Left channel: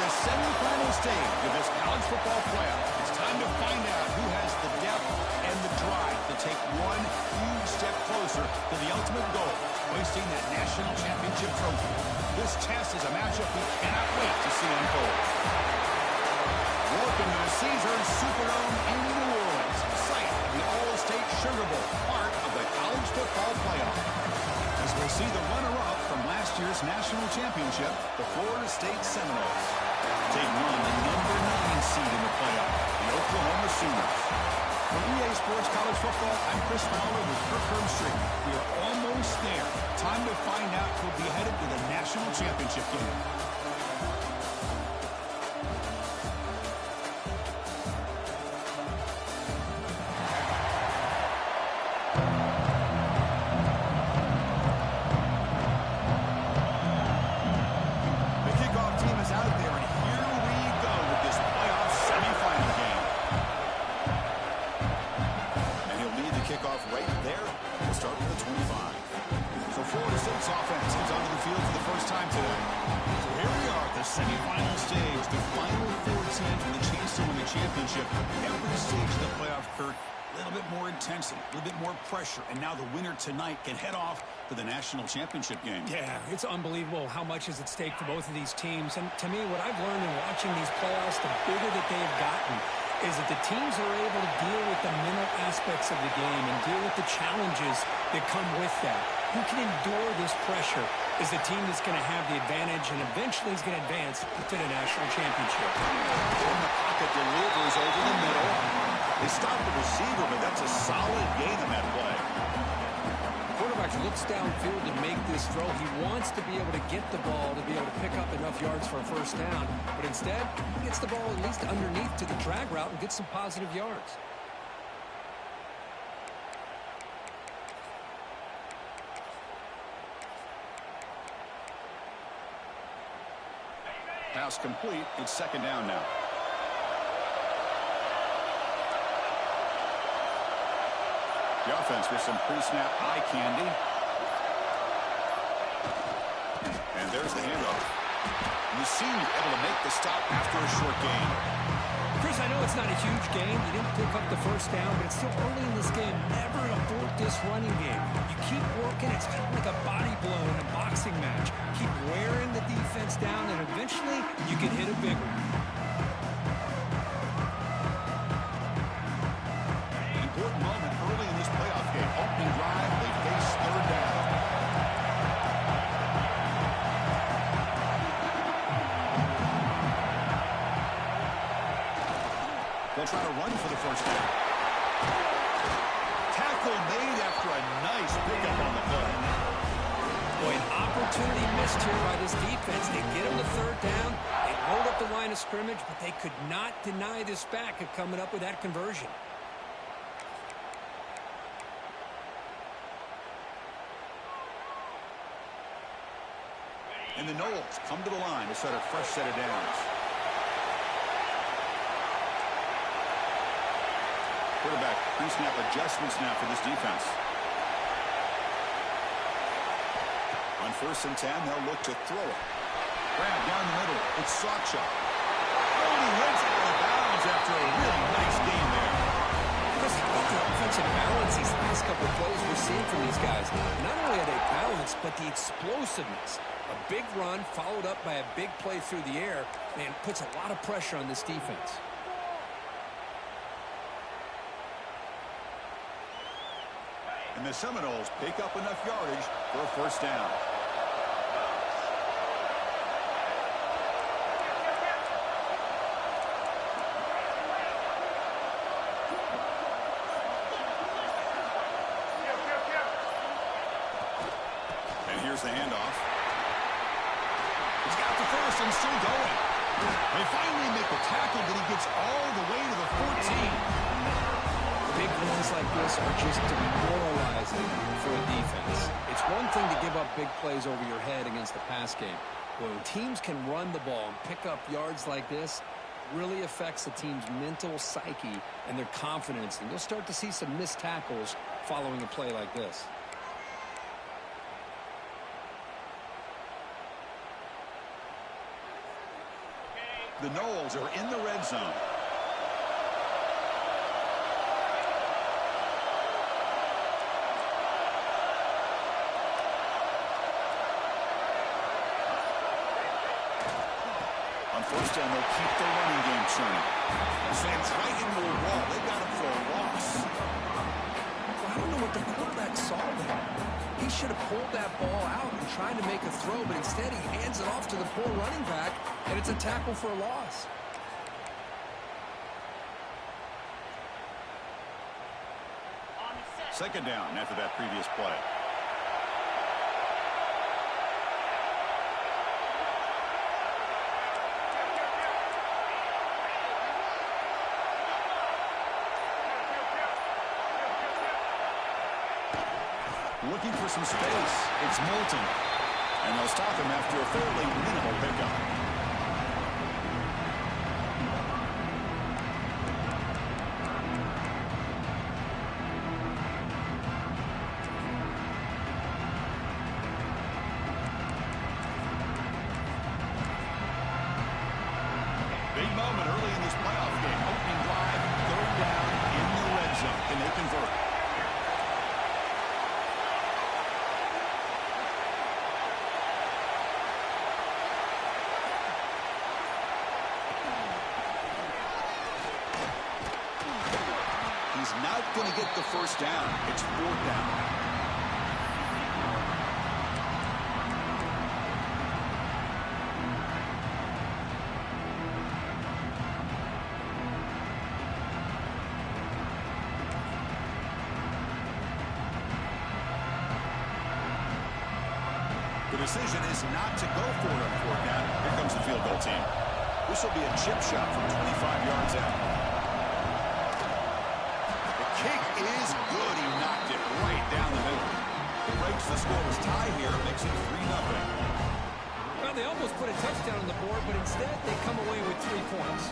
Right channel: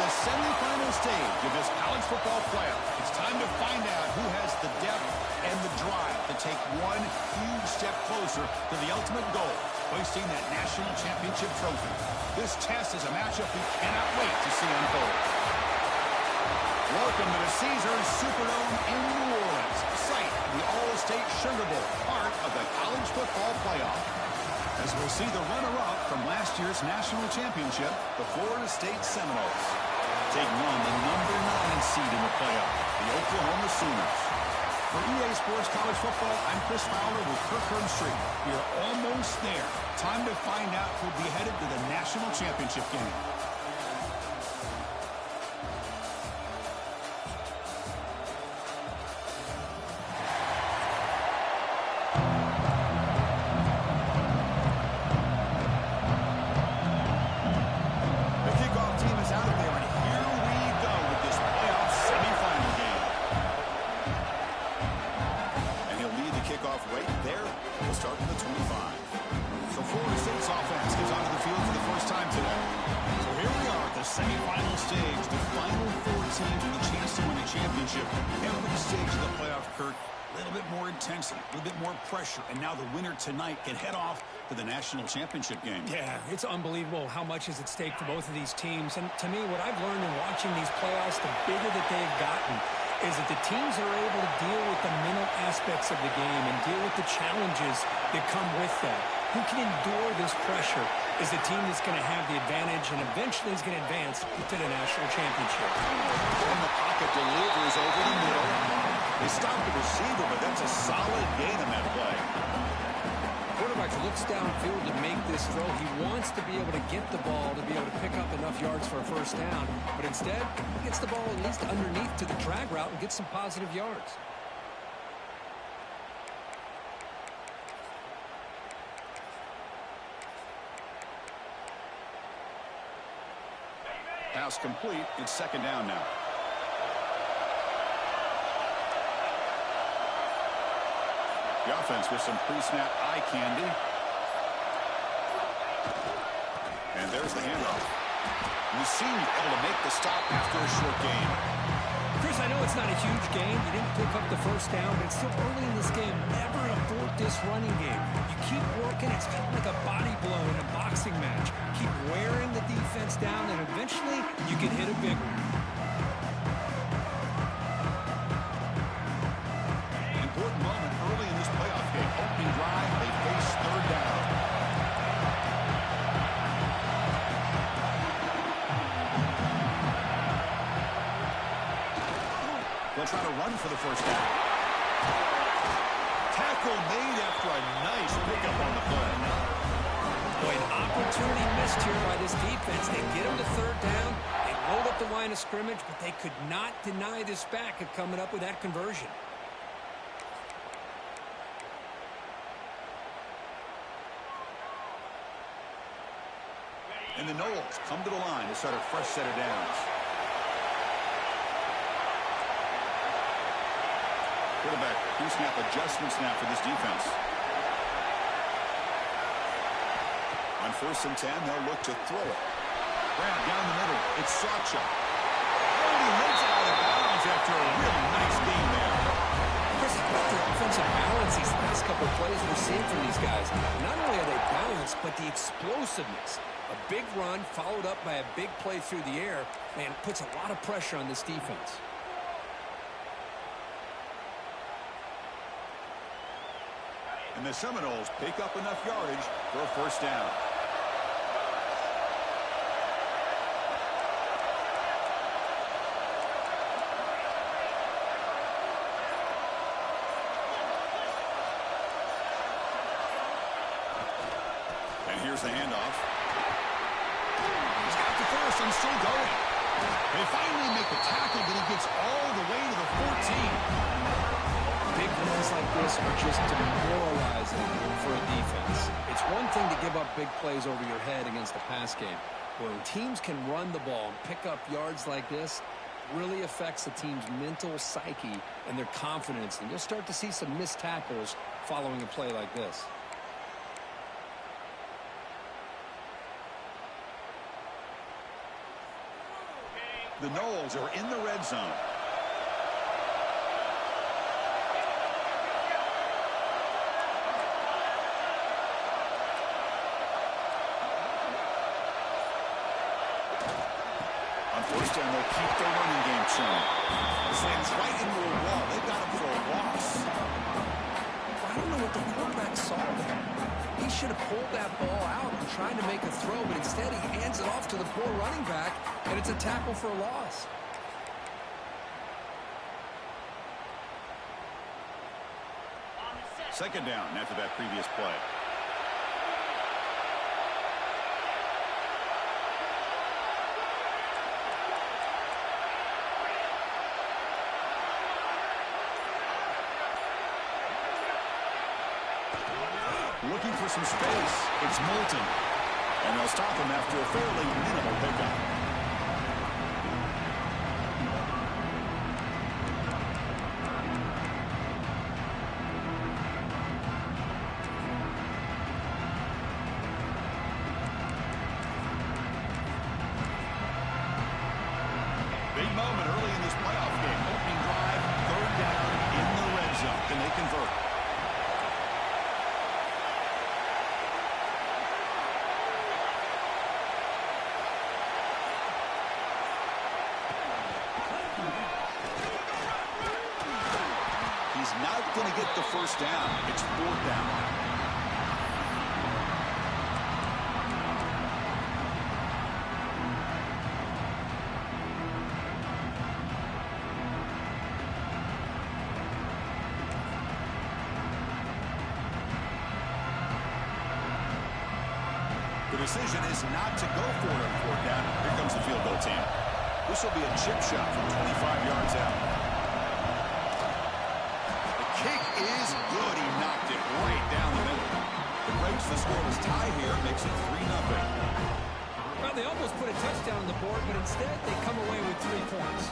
the semifinal stage of this college football playoff. It's time to find out who has the depth and the drive to take one huge step closer to the ultimate goal, hoisting that national championship trophy. This test is a matchup we cannot wait to see unfold. Welcome to the Caesars Superdome in New Orleans, site of the All-State Sugar Bowl, part of the college football playoff. As we'll see the runner-up from last year's national championship, the Florida State Seminoles, taking on the number 9 seed in the playoff, the Oklahoma Sooners. For EA Sports College Football, I'm Chris Fowler with Kirk Herbstreit. We are almost there. Time to find out who'll be headed to the national championship game. Every stage of the playoff, Kirk, a little bit more intensity, a little bit more pressure, and now the winner tonight can head off to the national championship game. Yeah, it's unbelievable how much is at stake for both of these teams. And to me, what I've learned in watching these playoffs, the bigger that they've gotten, is that the teams that are able to deal with the mental aspects of the game and deal with the challenges that come with that. Who can endure this pressure is the team that's going to have the advantage and eventually is going to advance to the national championship. In the pocket, delivers over the middle. They stop the receiver, but that's a solid gain on that play. Quarterback looks downfield to make this throw. He wants to be able to get the ball to be able to pick up enough yards for a first down, but instead, he gets the ball at least underneath to the drag route and gets some positive yards. Pass complete. It's second down now. The offense with some pre-snap eye candy. And there's the handoff. The senior able to make the stop after a short gain. Chris, I know it's not a huge gain. You didn't pick up the first down, but it's still early in this game. Never abort this running game. You keep working. It's kind of like a body blow in a boxing match. Keep wearing the defense down, and eventually you can hit a big one. Important moment early in this playoff game. Opening drive, they face third down. They'll try to run for the first down. Tackle made after a nice pickup on the play. Boy, an opportunity missed here by this defense. They get them to third down. They load up the line of scrimmage, but they could not deny this back at coming up with that conversion. And the Noles come to the line to start a fresh set of downs. Quarterback pre-snap adjustments now for this defense. On 1st and 10, they'll look to throw it. Grab down the middle. It's Sacha. Oh, he heads out of bounds after a really nice game there. Chris, how about the offensive balance these last couple of plays we're seeing from these guys? Not only are they balanced, but the explosiveness. A big run followed up by a big play through the air, man, puts a lot of pressure on this defense. And the Seminoles pick up enough yardage for a first down. And here's the handoff. He's got the first and still going. They finally make the tackle, but he gets all the way to the 14. Big runs like this are just demoralizing for a defense. It's one thing to give up big plays over your head against the pass game. When teams can run the ball and pick up yards like this, it really affects the team's mental psyche and their confidence. And you'll start to see some missed tackles following a play like this. The Noles are in the red zone. On first down, they'll keep their running game churning. Slams right into a wall. They've got him for a loss. I don't know what the quarterback saw there. He should have pulled that ball out and tried to make a throw, but instead he hands it off to the poor running back, and it's a tackle for a loss. Second down after that previous play. Looking for some space. It's Moulton. And they'll stop him after a fairly minimal pickup. Big moment early in this playoff game. Opening drive, third down in the red zone. Can they convert? He's not going to get the first down. It's fourth down. The decision is not to go for it on fourth down. Here comes the field goal team. This will be a chip shot from 25 yards out. Kick is good. He knocked it right down the middle. It breaks the scoreless tie here. Makes it 3-0. Well, they almost put a touchdown on the board, but instead they come away with 3 points.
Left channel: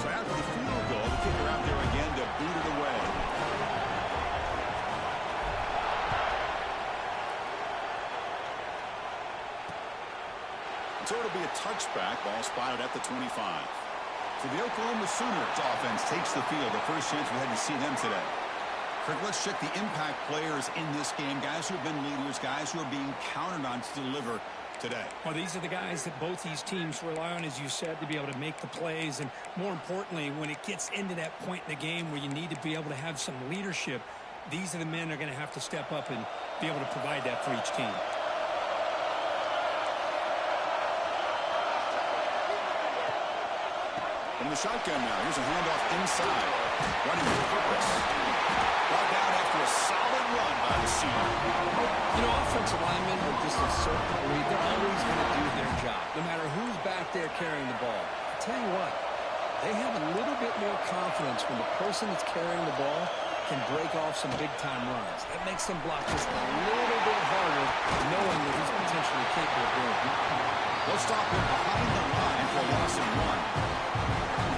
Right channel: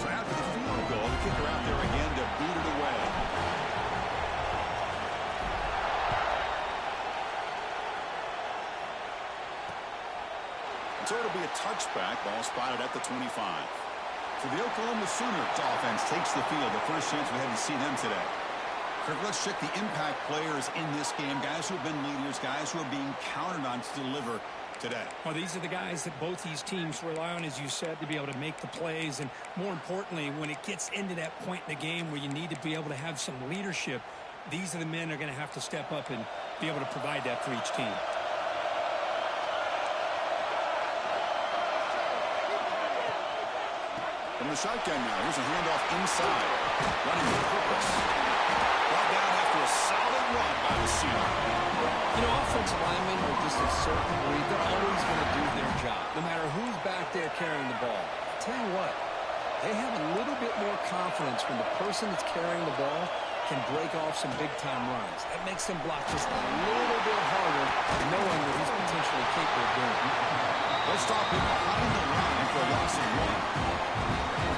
So after the field goal, the kicker out there again to boot it away. So it'll be a touchback. Ball spotted at the 25. So the Oklahoma Sooners offense takes the field. The first chance we had to see them today. Kirk, let's check the impact players in this game. Guys who have been leaders, guys who are being counted on to deliver today. Well, these are the guys that both these teams rely on, as you said, to be able to make the plays. And more importantly, when it gets into that point in the game where you need to be able to have some leadership, these are the men that are going to have to step up and be able to provide that for each team. From the shotgun now, here's a handoff inside. Running with purpose. Brought down after a solid run by the Seminoles. You know, offensive linemen are just a certain breed. They're always going to do their job, no matter who's back there carrying the ball. I tell you what, they have a little bit more confidence when the person that's carrying the ball can break off some big-time runs. That makes them block just a little bit harder, knowing that he's potentially capable of doing it. They'll stop him behind the line for a loss of 1.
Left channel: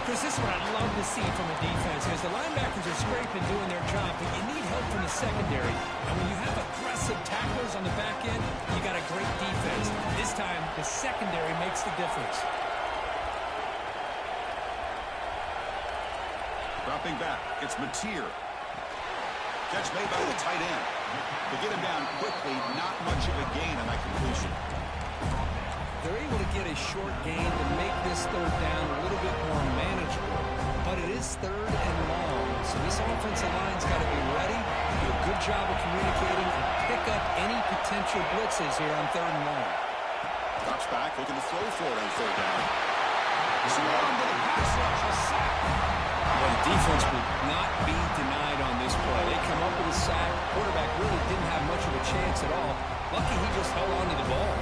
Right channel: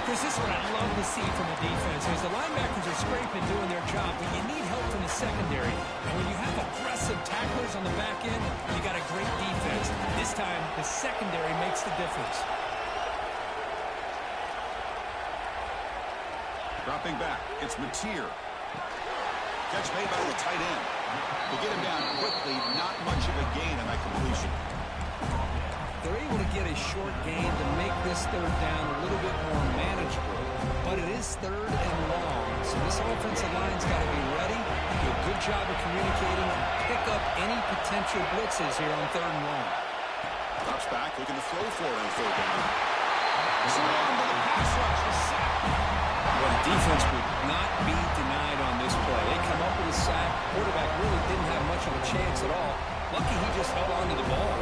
Chris, this is what I'd love to see from a defense. Is the linebackers are scraping doing their job, but you need help from the secondary. And when you have aggressive tacklers on the back end, you got a great defense. This time, the secondary makes the difference. Dropping back, it's Mateer. Catch made by the tight end. To get him down quickly, not much of a gain on that completion. They're able to get a short gain to make this third down a little bit more manageable. But it is third and long, so this offensive line's got to be ready, do a good job of communicating, and pick up any potential blitzes here on third and long. Drops back, looking to throw for it on third down. Swarm to the pass rush, a sack. Well, the defense would not be denied on this play. They come up with a sack. Quarterback really didn't have much of a chance at all. Lucky he just held on to the ball.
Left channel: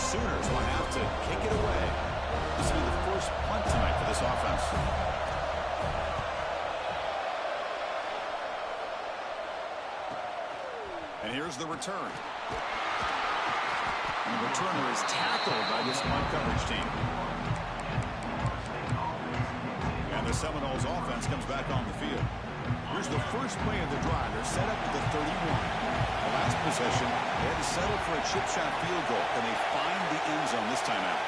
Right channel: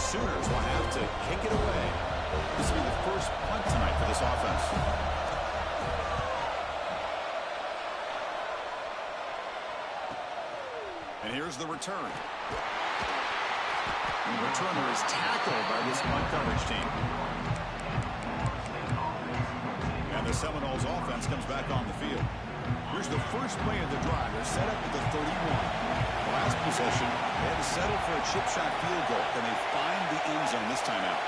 Sooners will have to kick it away. This will be the first punt tonight for this offense. And here's the return. And the returner is tackled by this punt coverage team. And the Seminoles offense comes back on the field. Here's the first play of the drive. They're set up at the 31. The last possession, they had to settle for a chip shot field goal. Can they find the end zone this time out?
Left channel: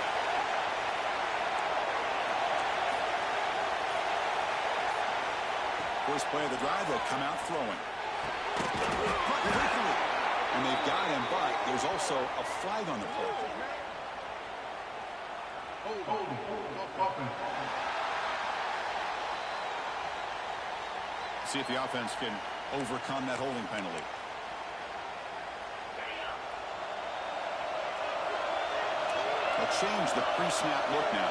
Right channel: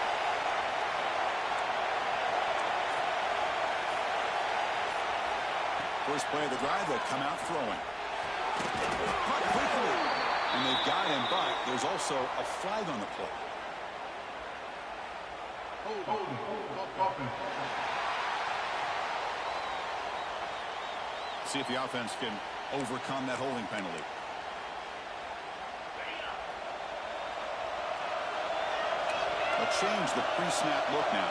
First play of the drive, they'll come out throwing. Caught quickly. And they've got him, but there's also a flag on the play. See if the offense can overcome that holding penalty. They'll change the pre-snap look now.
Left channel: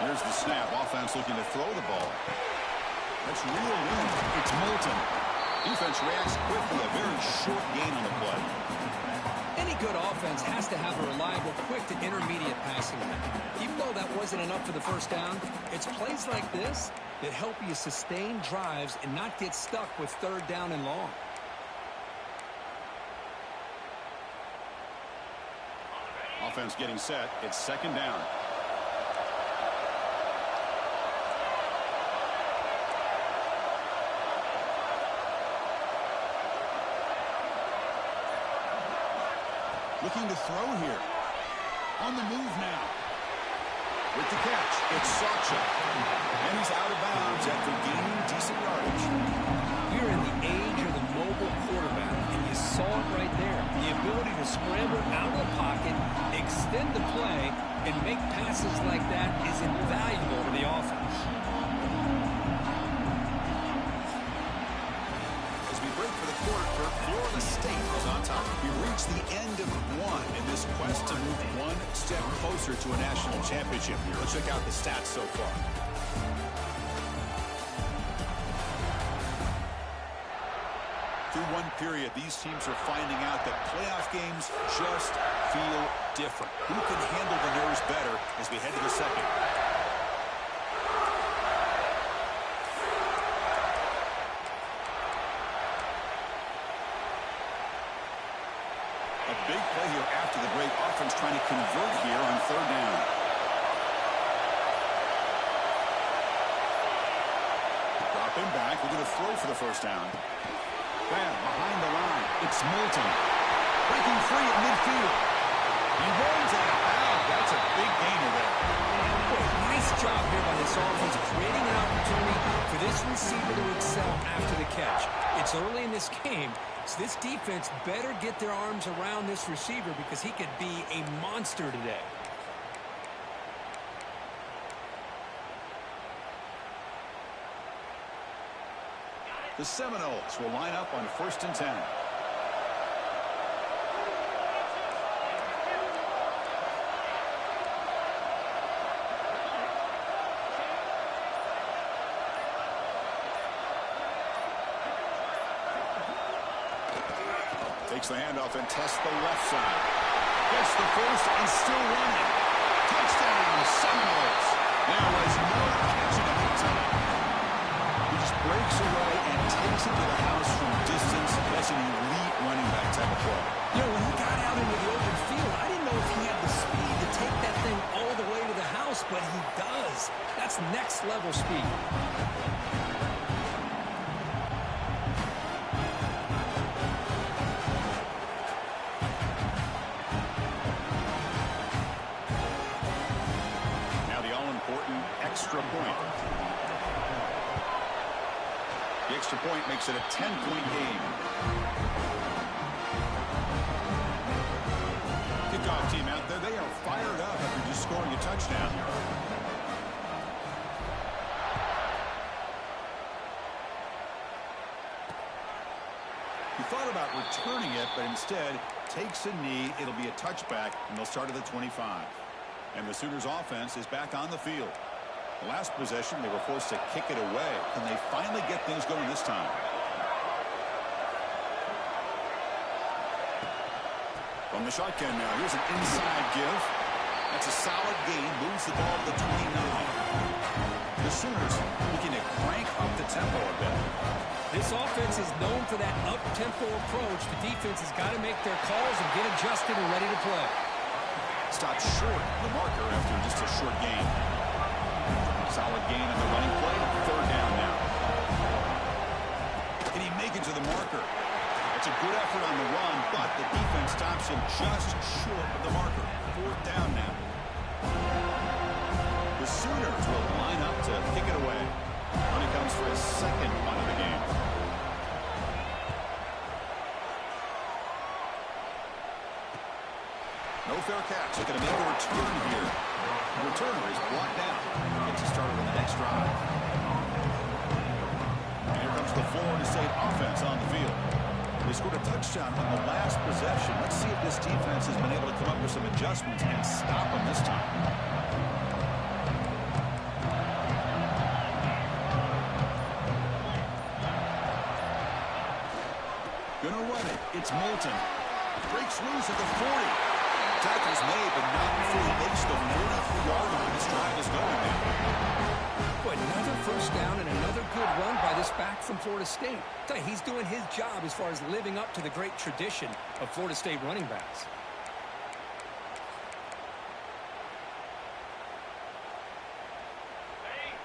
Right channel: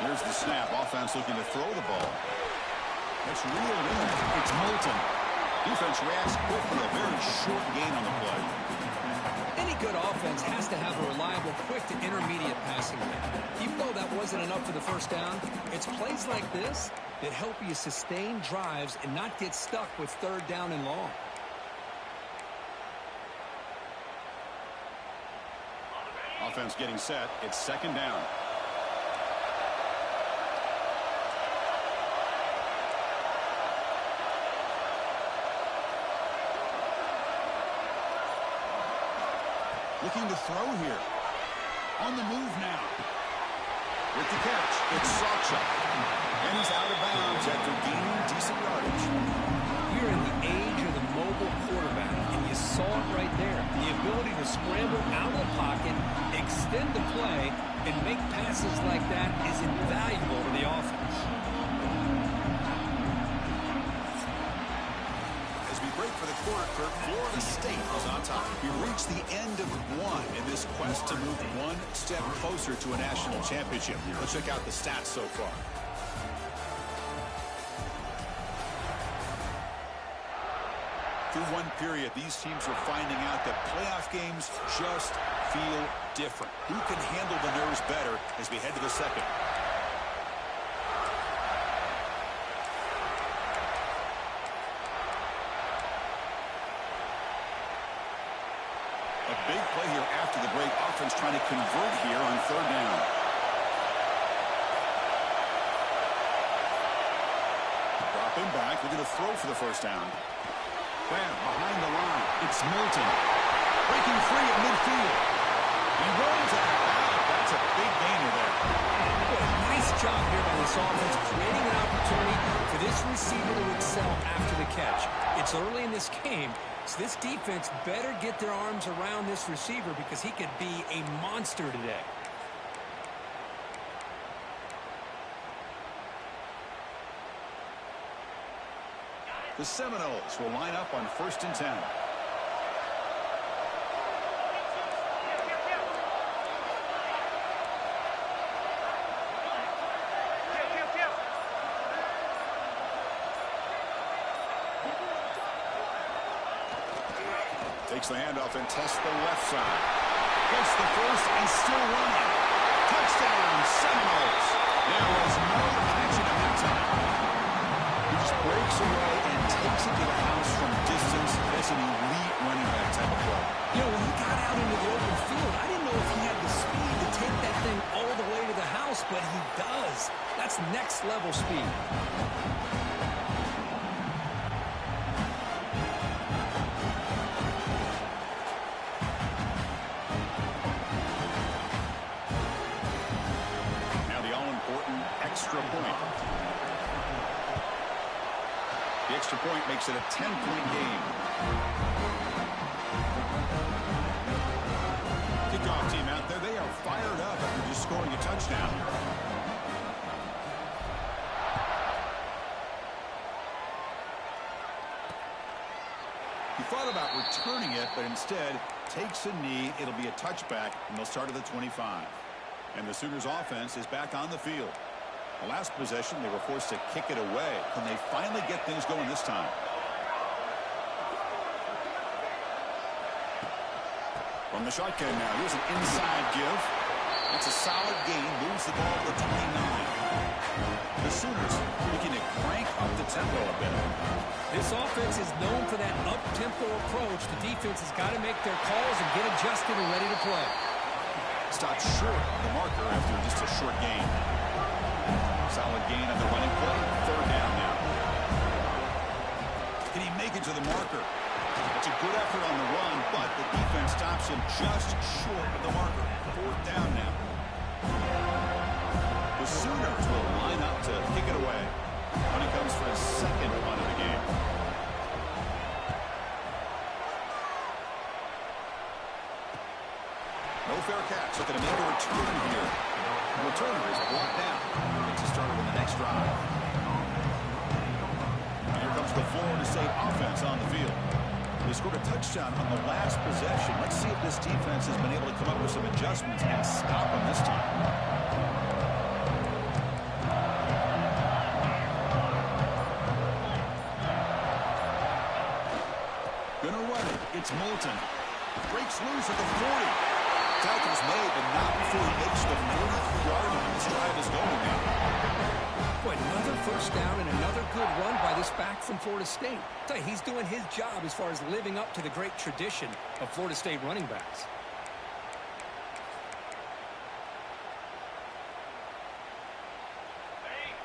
Here's the snap. Offense looking to throw the ball. That's reeled in. It's Moulton. Defense reacts quickly. A very short gain on the play. Any good offense has to have a reliable, quick to intermediate passing game. Even though that wasn't enough for the first down, it's plays like this that help you sustain drives and not get stuck with third down and long. Offense getting set. It's second down. Looking to throw here. On the move now. With the catch, it's Sacha. And he's out of bounds after gaining decent yardage. You're in the age of the mobile quarterback, and you saw it right there. The ability to scramble out of the pocket, extend the play, and make passes like that is invaluable to the offense. Break for the quarter. Florida State is on top. We reached the end of one in this quest to move one step closer to a national championship. Let's check out the stats so far. Through one period, these teams are finding out that playoff games just feel different. Who can handle the nerves better as we head to the second? Big play here after the break. Offense trying to convert here on third down. Dropping back, looking to throw for the first down. Bam, behind the line. It's Moulton. Breaking free at midfield. He runs out. That's a big gainer there. Boy, nice job here by this offense, creating an opportunity for this receiver to excel after the catch. It's early in this game, so this defense better get their arms around this receiver because he could be a monster today. The Seminoles will line up on 1st and 10. Takes the handoff and tests the left side. Gets the first and still running. Touchdown, Seminoles. There was no catching him that time. He just breaks away and takes it to the house from distance. That's an elite running back type of play. You know, when he got out into the open field, I didn't know if he had the speed to take that thing all the way to the house, but he does. That's next level speed. Extra point. The extra point makes it a 10-point game. Kickoff team out there. They are fired up after just scoring a touchdown. He thought about returning it, but instead takes a knee. It'll be a touchback, and they'll start at the 25. And the Sooners offense is back on the field. The last possession, they were forced to kick it away. Can they finally get things going this time? From the shotgun now, here's an inside give. That's a solid gain. Moves the ball to the 29. The Sooners looking to crank up the tempo a bit. This offense is known for that up-tempo approach. The defense has got to make their calls and get adjusted and ready to play. Stopped short of the marker after just a short gain. Solid gain on the running play. Third down now. Can he make it to the marker? That's a good effort on the run, but the defense stops him just short of the marker. Fourth down now. The Sooners will line up to kick it away. Running comes for his second punt of the game. No fair catch. Looking to make a return here. The returner is brought down. Gets us started on the next drive. And here comes the Florida State offense on the field. They scored a touchdown on the last possession. Let's see if this defense has been able to come up with some adjustments and stop them this time. Gonna run it. It's Moulton. Breaks loose at the 40. Tackle's made, but not before he makes the 43-yard line. This drive is going now. Boy, another first down and another good run by this back from Florida State. I tell you, he's doing his job as far as living up to the great tradition of Florida State running backs.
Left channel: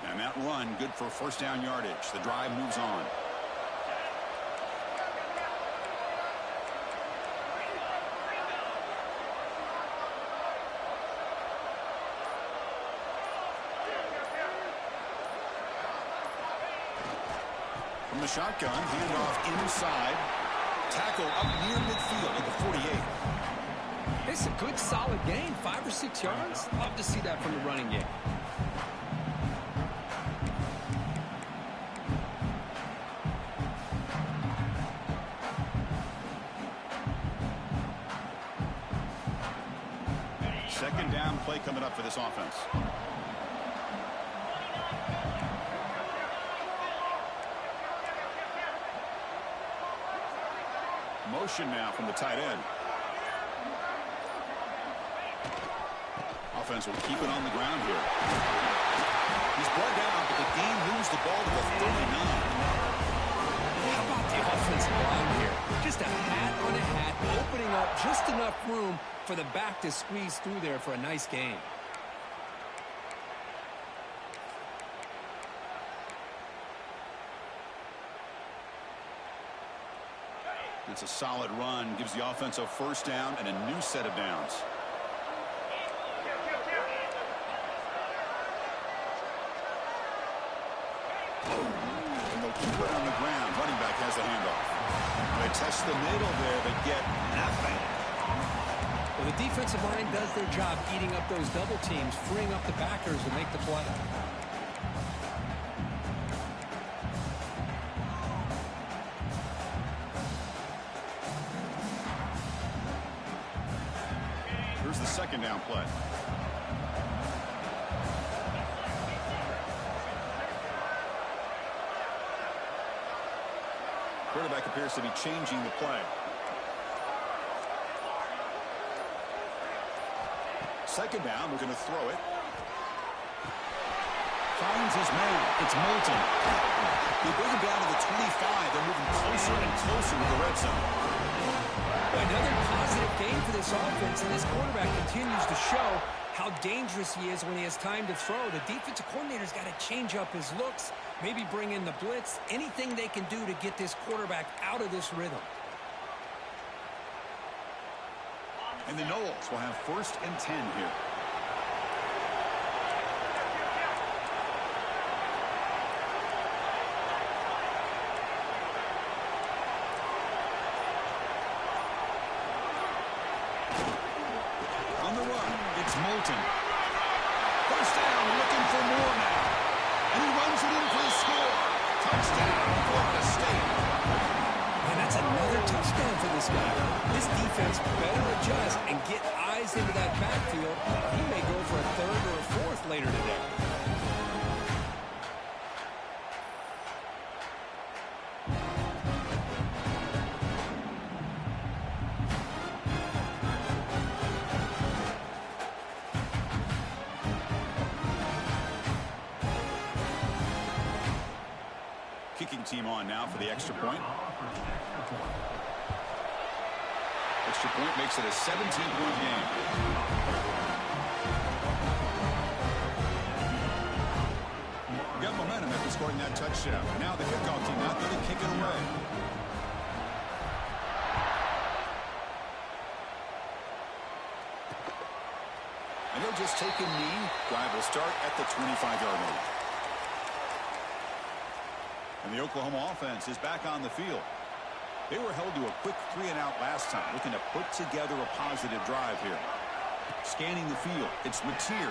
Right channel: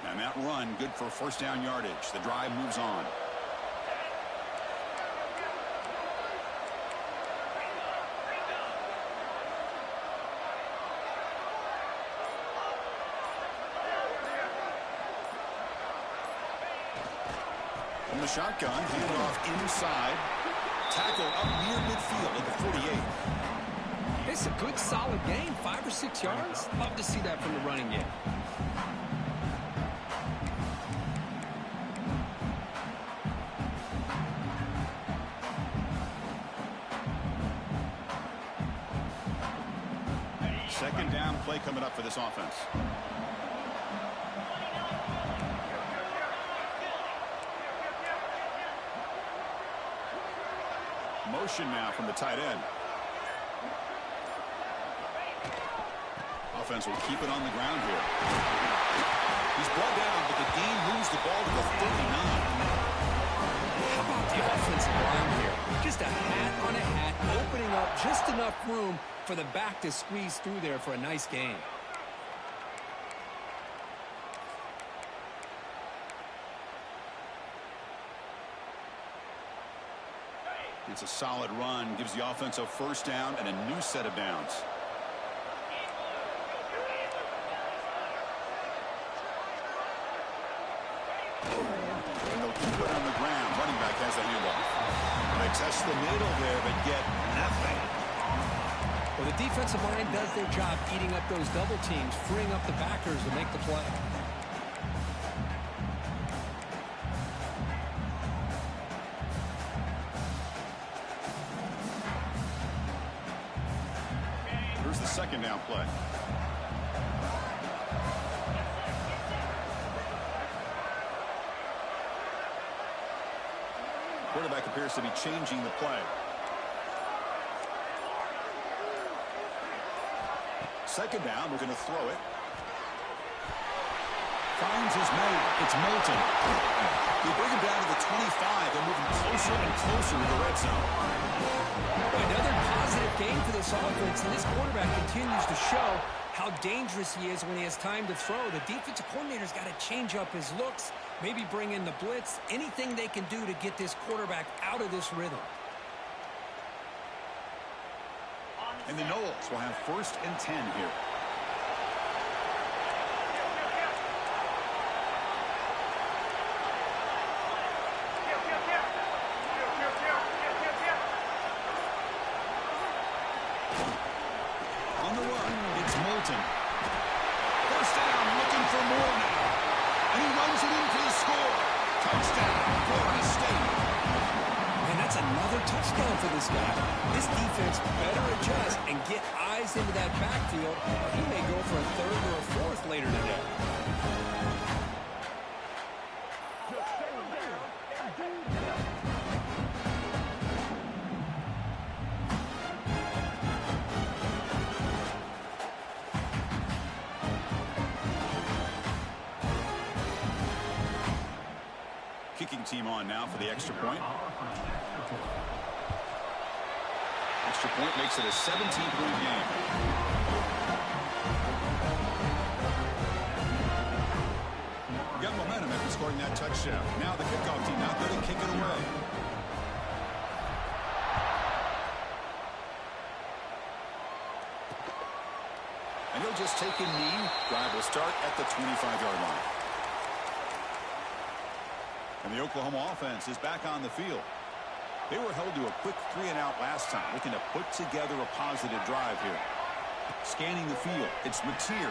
And that run, good for first down yardage. The drive moves on. From the shotgun, handoff inside. Tackle up near midfield at the 48. It's a good, solid gain, 5 or 6 yards. Love to see that from the running game. Second down play coming up for this offense. Motion now from the tight end. Offense will keep it on the ground here. He's brought down, but the game moves the ball to the 39. How about the offensive line here? Just a hat on a hat, opening up just enough room for the back to squeeze through there for a nice gain. It's a solid run, gives the offense a first down and a new set of downs. And they'll keep it on the ground. Running back has the handoff. They test the middle there, but get nothing. Well, the defensive line does their job eating up those double teams, freeing up the backers to make the play. Here's the second down play. Quarterback appears to be changing the play. Second down, we're going to throw it. Finds his man. It's Moulton. They bring him down to the 25. They're moving closer and closer to the red zone. Another positive game for this offense, and this quarterback continues to show how dangerous he is when he has time to throw. The defensive coordinator's got to change up his looks, maybe bring in the blitz, anything they can do to get this quarterback out of this rhythm. And the Noles will have 1st and 10 here. On the run, it's Moulton. First down, looking for more now. And he runs it in for the score. Touchdown, Florida State. And that's another touchdown for this guy. This defense better adjust and get eyes into that backfield, or he may go for a 3rd or a 4th later today. kicking team on now for the extra point. Extra point makes it a 17-point game. Got momentum after scoring that touchdown. Now the kickoff team out there to kick it away. And he'll just take a knee. Drive will start at the 25-yard line. And the Oklahoma offense is back on the field. They were held to a quick 3-and-out last time, looking to put together a positive drive here. Scanning the field, it's Mateer.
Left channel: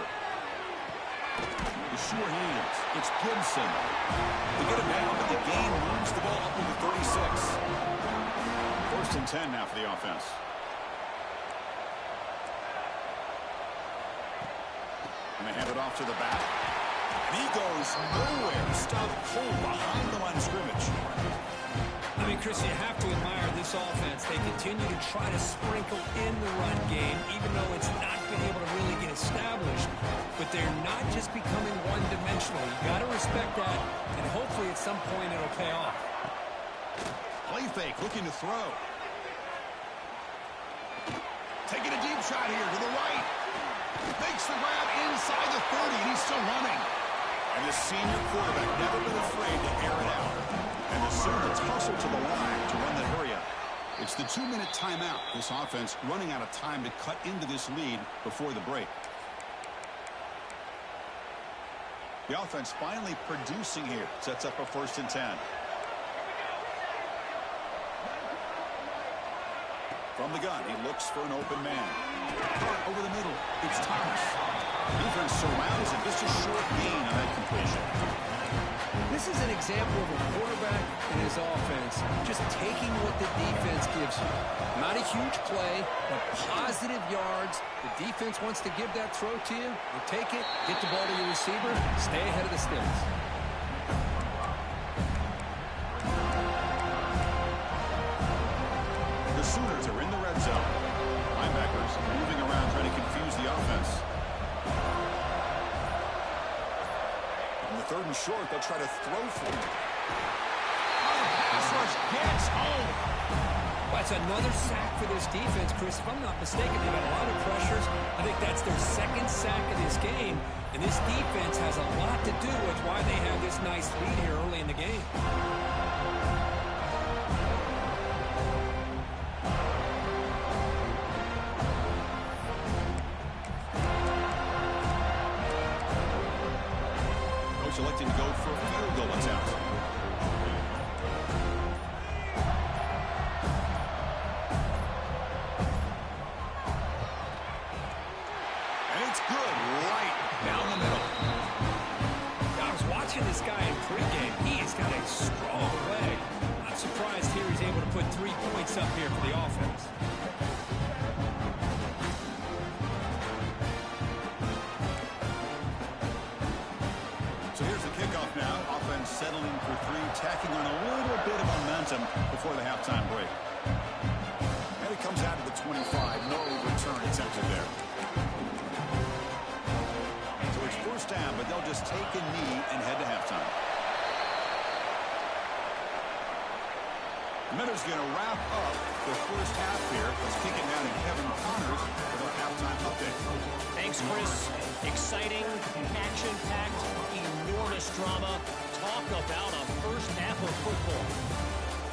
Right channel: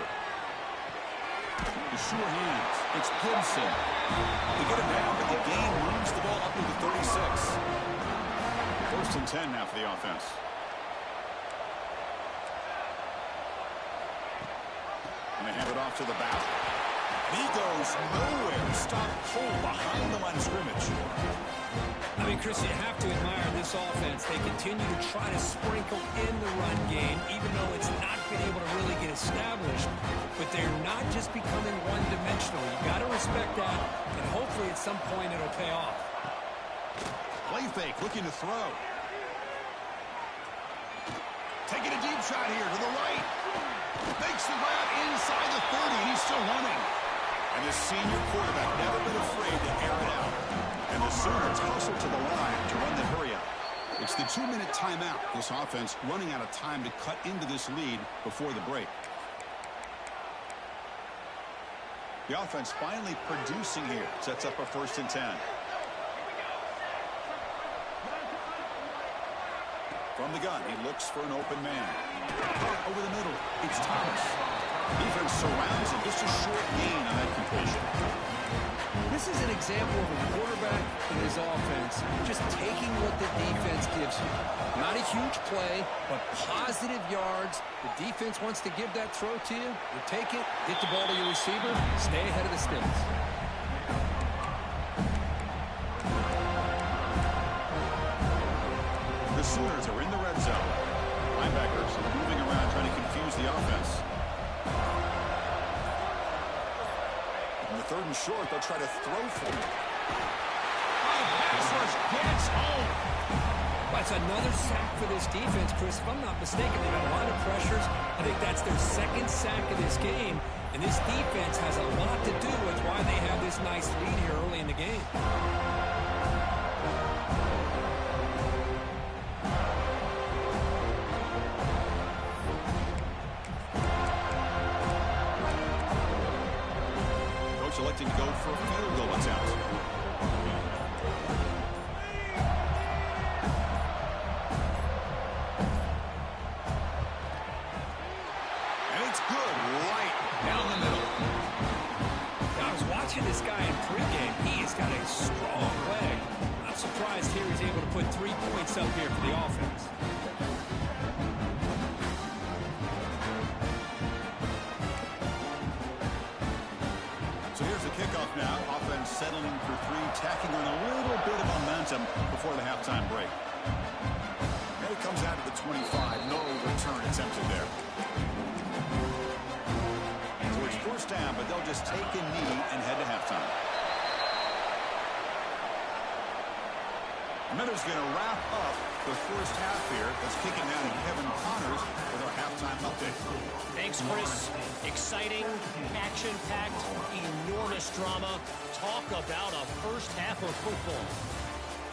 The sure hands, it's Gibson. They get him down, but the gain moves the ball up to the 36. 1st and 10 now for the offense. And they hand it off to the back. And he goes nowhere. Stopped cold behind the line of scrimmage. I mean, Chris, you have to admire this offense. They continue to try to sprinkle in the run game, even though it's not been able to really get established. But they're not just becoming one-dimensional. You got to respect that, and hopefully at some point it'll pay off. Play fake, looking to throw. Taking a deep shot here to the right. Makes the grab inside the 30, and he's still running. And the senior quarterback never been afraid to air it out. And the Sooners hustle to the line to run that hurry up. It's the 2-minute timeout. This offense running out of time to cut into this lead before the break. The offense finally producing here. Sets up a 1st and 10. From the gun, he looks for an open man. Over the middle, it's Thomas. Defense surrounds him. Just a short gain on that completion. This is an example of a quarterback and his offense just taking what the defense gives you. Not a huge play, but positive yards. The defense wants to give that throw to you. You take it, get the ball to your receiver, stay ahead of the sticks. The Sooners are in the red zone. Linebackers moving around trying to confuse the offense. On the 3rd and short, they'll try to throw for it. Oh, the pass rush gets home. That's another sack for this defense, Chris. If I'm not mistaken, they've had a lot of pressures. I think that's their 2nd sack of this game. And this defense has a lot to do with why they have this nice lead here early in the game. Electing to go for a field goal attempt. And it's good right down the middle. I was watching this guy in pregame. He has got a strong leg. I'm surprised here he's able to put 3 points up here for the offense. So here's the kickoff now. Offense settling for 3, tacking on a little bit of momentum before the halftime break. And it comes out to the 25. No return attempted there. So it's 1st down, but they'll just take a knee and head to halftime. The Miners going to wrap up the 1st half here. Let's kick it down to Kevin Connors with our halftime update. Thanks, Chris. Exciting, action-packed, enormous drama. Talk about a 1st half of football.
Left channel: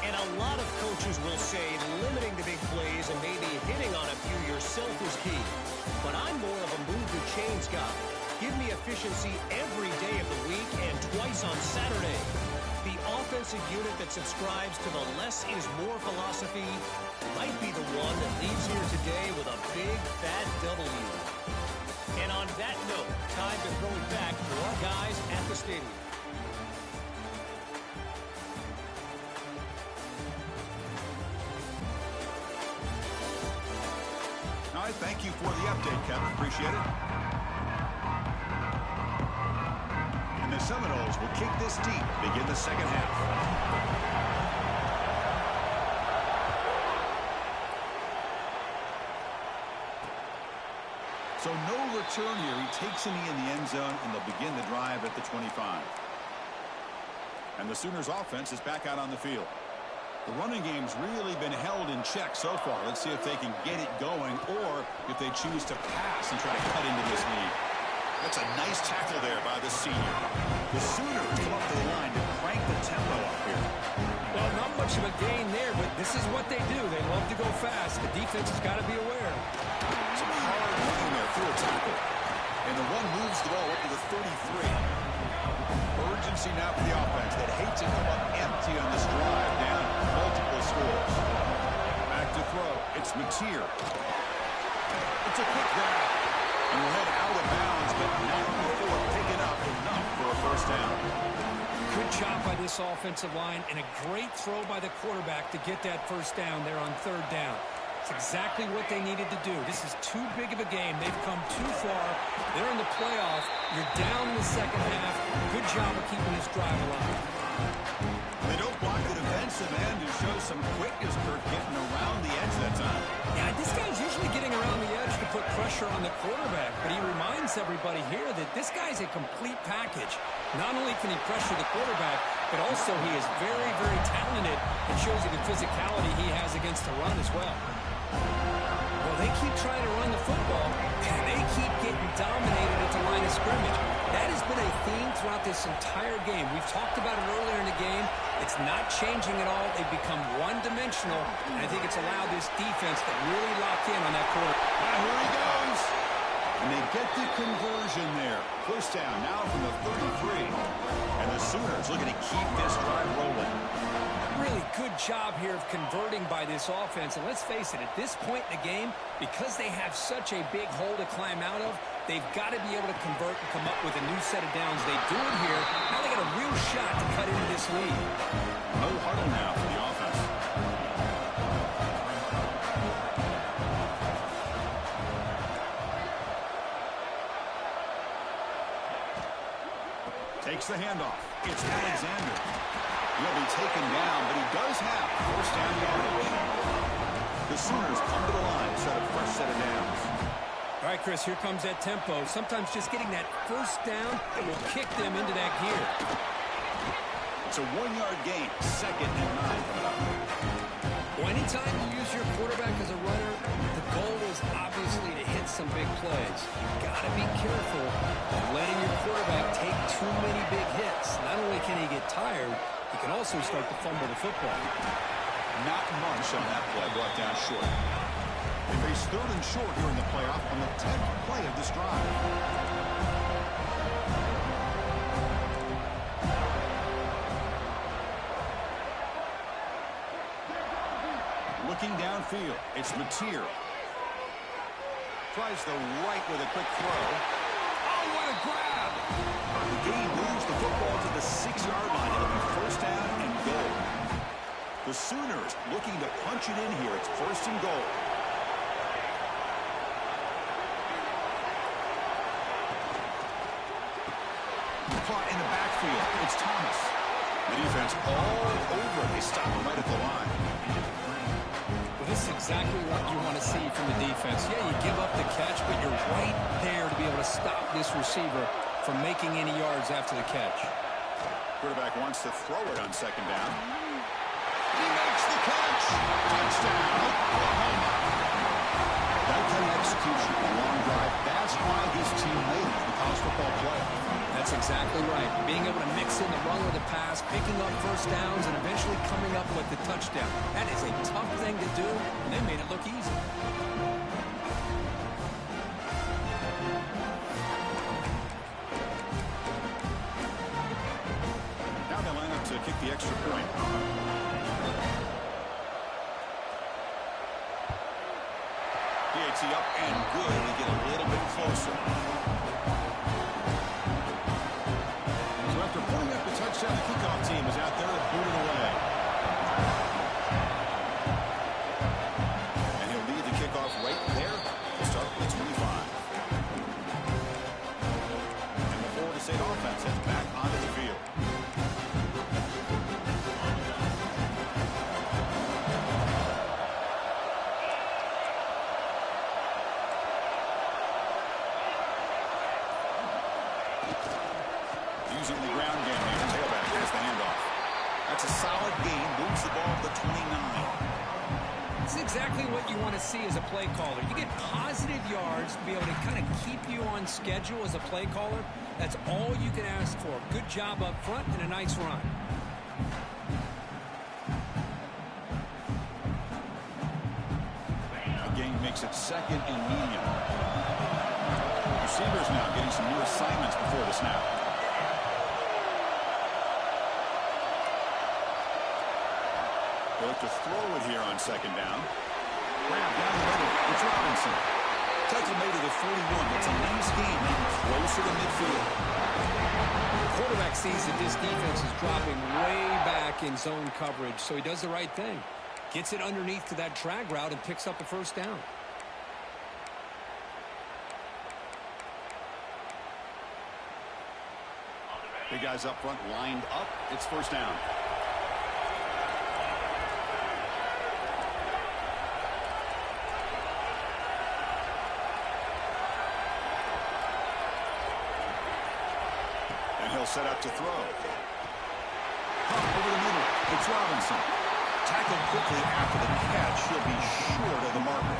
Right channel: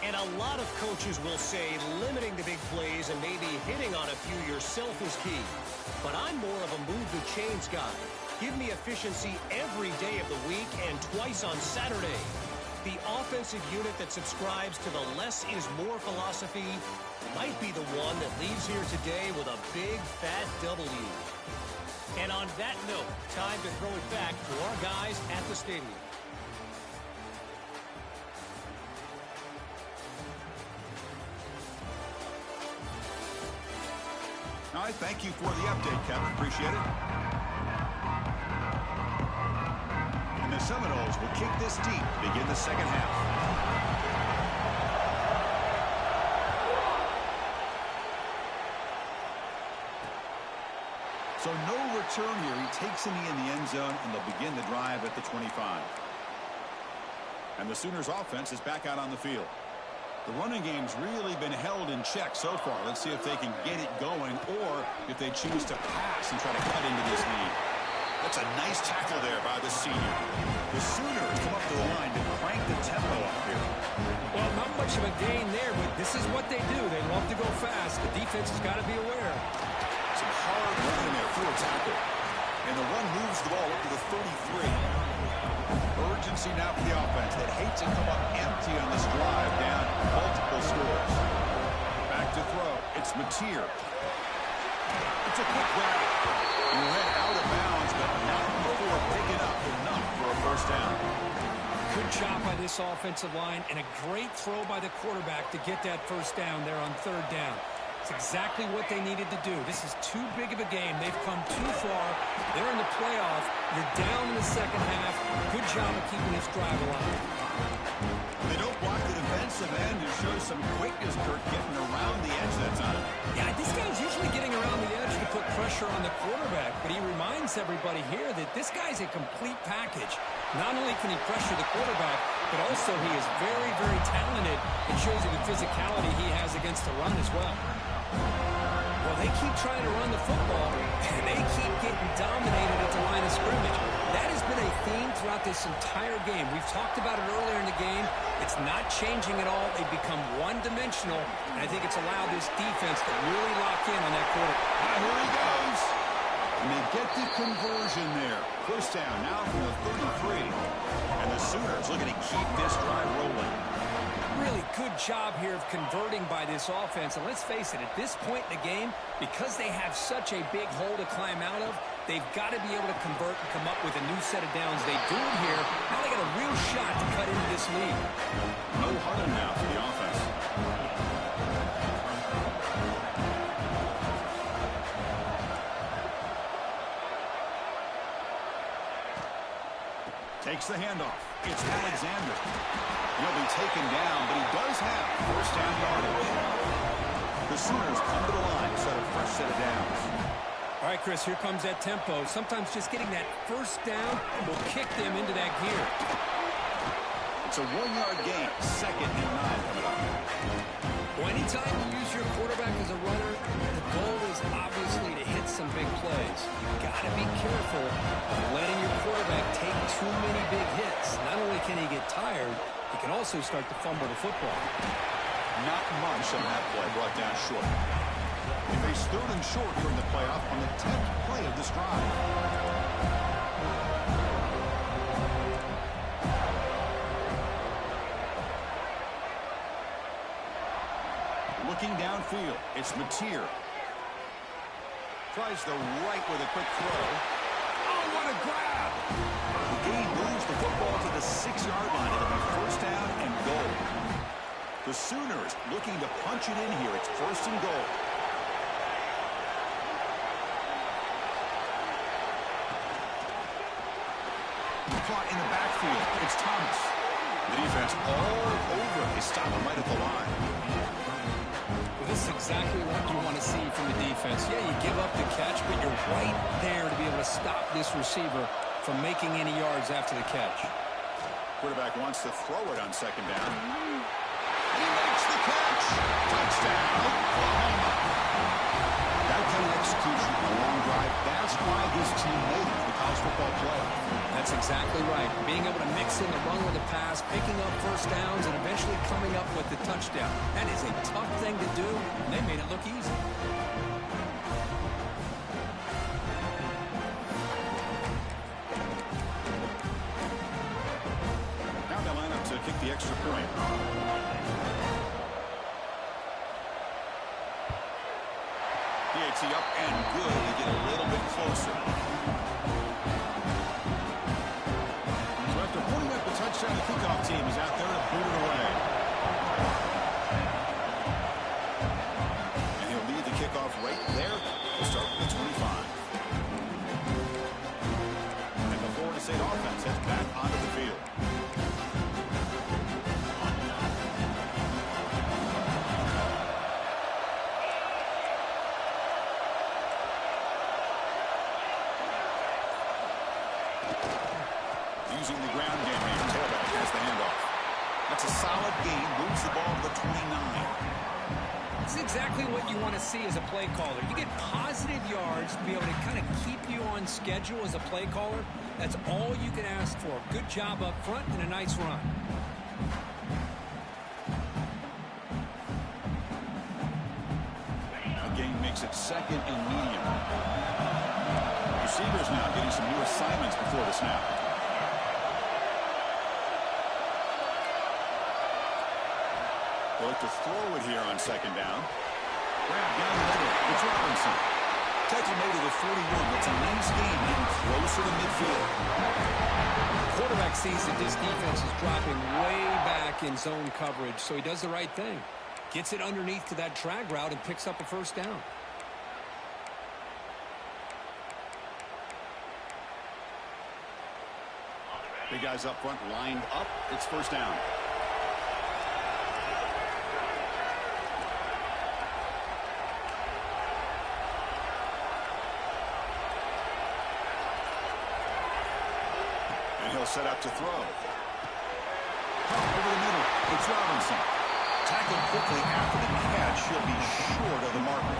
And a lot of coaches will say limiting the big plays and maybe hitting on a few yourself is key. But I'm more of a move the chains guy. Give me efficiency every day of the week and twice on Saturday. The offensive unit that subscribes to the less is more philosophy might be the one that leaves here today with a big, fat W. And on that note, time to throw it back to our guys at the stadium. All right, thank you for the update, Kevin. Appreciate it. And the Seminoles will kick this deep, begin the 2nd half. So no return here. He takes a knee in the end zone, and they'll begin the drive at the 25. And the Sooners offense is back out on the field. The running game's really been held in check so far. Let's see if they can get it going or if they choose to pass and try to cut into this lead. That's a nice tackle there by the senior. The Sooners come up to the line to crank the tempo up here. Well, not much of a gain there, but this is what they do. They love to go fast. The defense has got to be aware. Some hard running there through a tackle. And the run moves the ball up to the 33. Urgency now for the offense that hates to come up empty on this drive, down multiple scores. Back to throw. It's Mateer. It's a quick grab. And will head out of bounds, but not before picking up enough for a first down. Good job by this offensive line, and a great throw by the quarterback to get that first down there on third down. It's exactly what they needed to do. This is too big of a game. They've come too far. They're in the playoff. You're down in the second half. Good job of keeping this drive alive. They don't block the defensive end and show some quickness, Kirk, getting around the edge that time. Yeah, this guy's usually getting around the edge to put pressure on the quarterback, but he reminds everybody here that this guy's a complete package. Not only can he pressure the quarterback, but also he is very, very talented and shows you the physicality he has against the run as well. Well, they keep trying to run the football, and they keep getting dominated at the line of scrimmage. That has been a theme throughout this entire game. We've talked about it earlier in the game. It's not changing at all. They've become one-dimensional, and I think it's allowed this defense to really lock in on that quarter. Here he goes. And they get the conversion there. First down now from the 33. And the Sooners looking to keep this drive rolling. Really good job here of converting by this offense. And let's face it, at this point in the game, because they have such a big hole to climb out of, they've got to be able to convert and come up with a new set of downs. They do it here. Now they got a real shot to cut into this lead. No huddle now for the offense. Takes the handoff. It's Alexander. He'll be taken down, but he does have first down yardage. The Sooners come to the line to set a fresh set of downs. All right, Chris, here comes that tempo. Sometimes just getting that first down will kick them into that gear. It's a 1-yard gain. 2nd and 9 coming up. Well, anytime you use your quarterback as a runner, the goal is obviously to hit some big plays. You've got to be careful of letting your quarterback take too many big hits. Not only can he get tired, he can also start to fumble the football. Not much on that play, brought down short. They face 3rd and short here in the playoff on the 10th play of this drive. Looking downfield, it's Mateer. Tries the right with a quick throw. Oh, what a grab! The game moves the football to the 6-yard line. It'll be first down and goal. The Sooners looking to punch it in here. It's 1st and goal. Caught in the backfield. It's Thomas. The defense all over. They stop him right at the line. Well, this is exactly what you want to see from the defense. Yeah, you give up the catch, but you're right there to be able to stop this receiver from making any yards after the catch. Quarterback wants to throw it on 2nd down. He makes the catch. Touchdown, Oklahoma. That kind of execution, a long drive, that's why his team made it to the college football playoff. That's exactly right. Being able to mix in the run with the pass, picking up first downs, and eventually coming up with the touchdown. That is a tough thing to do, and they made it look easy. Now they line up to kick the extra point. PAT up and good. They get a little bit closer. So after putting up the touchdown, the kickoff team is out there to boot it away. And he'll lead the kickoff right there to start with the 25. And the Florida State offense heads back onto the field. Using the ground game here. Tailback has the handoff. That's a solid gain. Moves the ball to the 29. It's exactly what you want to see as a play caller. You get positive yards to be able to kind of keep you on schedule as a play caller. That's all you can ask for. Good job up front and a nice run. A gain makes it second and medium. Receivers now getting some new assignments before the snap. They'll look to throw it here on second down. Grab down the middle. It's Robinson. Tackle made to the 41. That's a nice game, getting closer to midfield. The quarterback sees that this defense is dropping way back in zone coverage, so he does the right thing. Gets it underneath to that drag route and picks up a first down. Big guys up front lined up. It's first down. And he'll set up to throw. Pump over the middle. It's Robinson. Tackled quickly after the catch. He'll be short of the marker.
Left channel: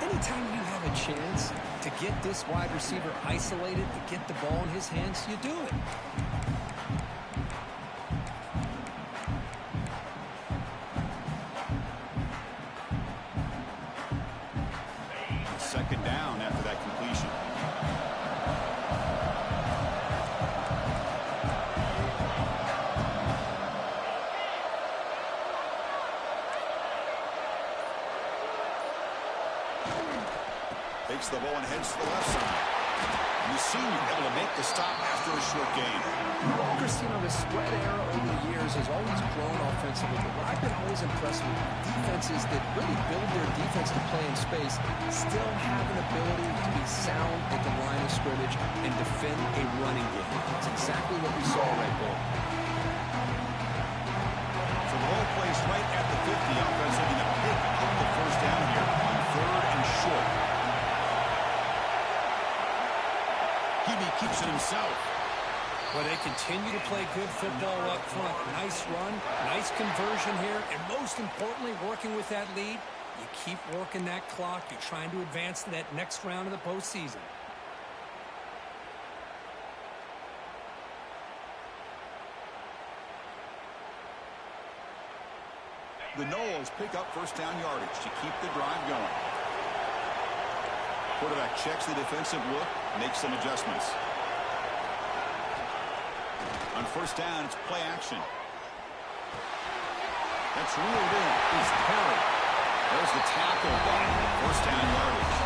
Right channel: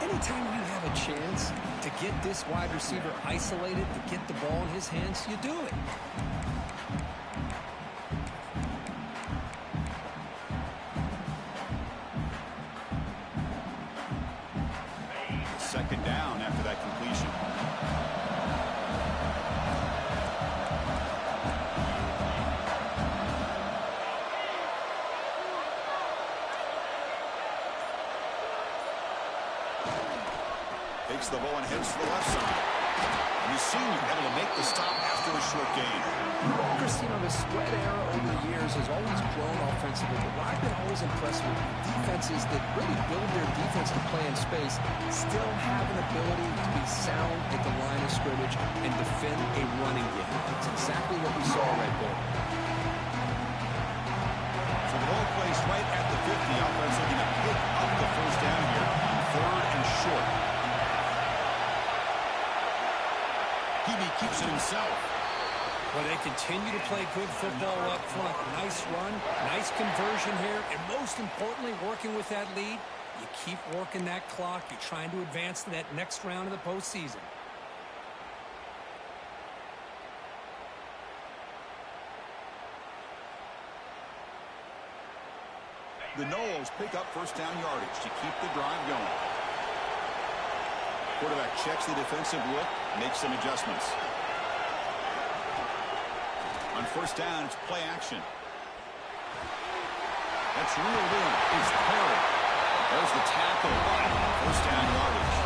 Anytime you have a chance to get this wide receiver isolated, to get the ball in his hands, you do it. Second down after that completion. Takes the ball and heads to the left side. And the senior able to make the stop after a short gain. Chris, you know, the spread era over the years has always grown offensively, but what I've been always impressed with defenses that really build their defense to play in space still have an ability to be sound at the line of scrimmage and defend a running game. That's exactly what we saw right there. So the ball plays right at the 50. Offense looking to pick up the first down here on third and short. Hebe keeps it himself. Well, they continue to play good football up front. Nice run, nice conversion here, and most importantly, working with that lead, you keep working that clock. You're trying to advance to that next round of the postseason. The Noles pick up first down yardage to keep the drive going. Quarterback checks the defensive look, makes some adjustments. On first down, it's play action. That's reeled in. It's Perry. There's the tackle, but first down yardage.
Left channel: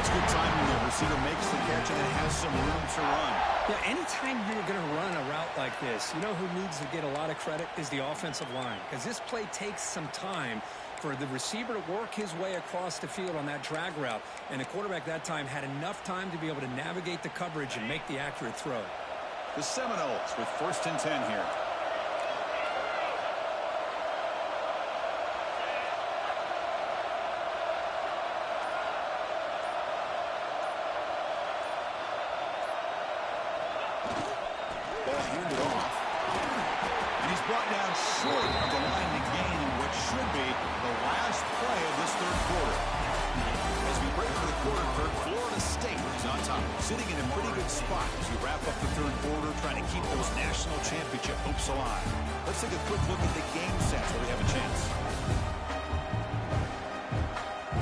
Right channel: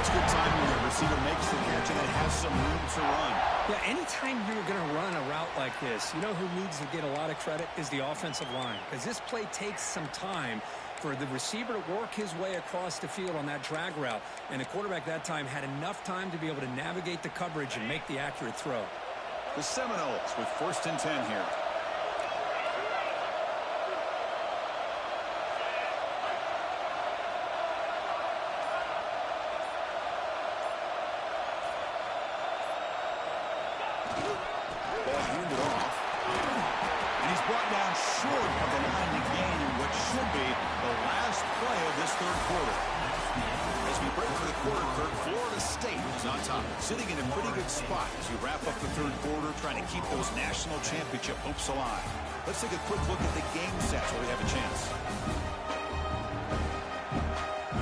It's good timing. The receiver makes the catch and it has some room to run. Yeah, anytime you're going to run a route like this, you know who needs to get a lot of credit is the offensive line, because this play takes some time for the receiver to work his way across the field on that drag route, and the quarterback that time had enough time to be able to navigate the coverage and make the accurate throw. The Seminoles with first and 10 here. Ball handed off. And he's brought down short of the line to gain in what should be the last play of this third quarter. As we break for the quarter, Kirk, Florida State is on top, sitting in a pretty good spot as we wrap up the third quarter, trying to keep those national championship hopes alive. Let's take a quick look at the game sets where we have a chance.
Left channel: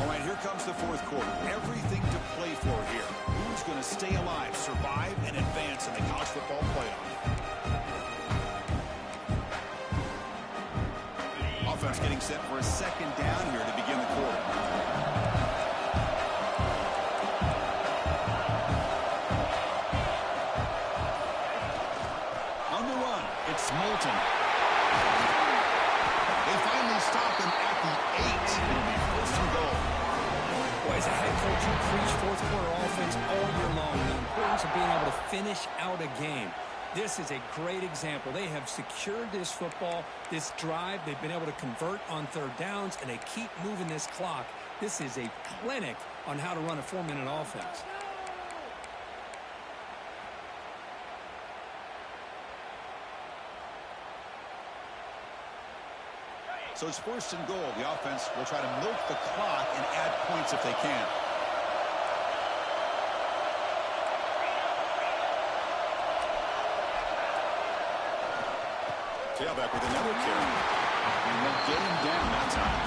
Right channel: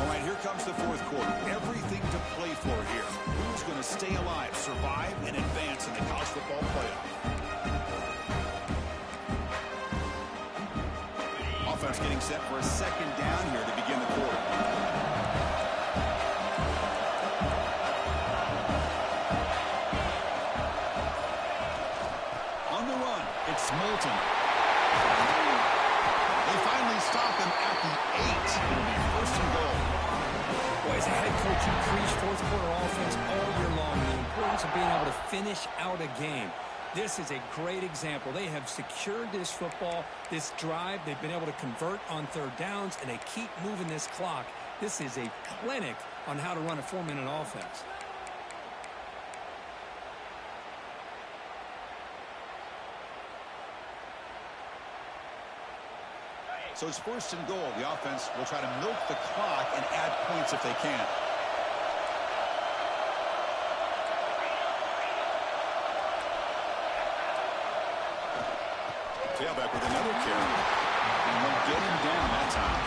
All right, here comes the fourth quarter. Everything to play for here. Who's going to stay alive, survive, and advance in the college football playoff? Offense getting set for a second down here to begin the quarter. On the run, it's Moulton. They finally stop him at the 8. It'll be first and goal. Boy, as a head coach, you preach fourth quarter offense all year long. The importance of being able to finish out a game. This is a great example. They have secured this football, this drive. They've been able to convert on third downs, and they keep moving this clock. This is a clinic on how to run a 4-minute offense. So it's first and goal. The offense will try to milk the clock and add points if they can. Tailback with another carry. And they'll get him down that time.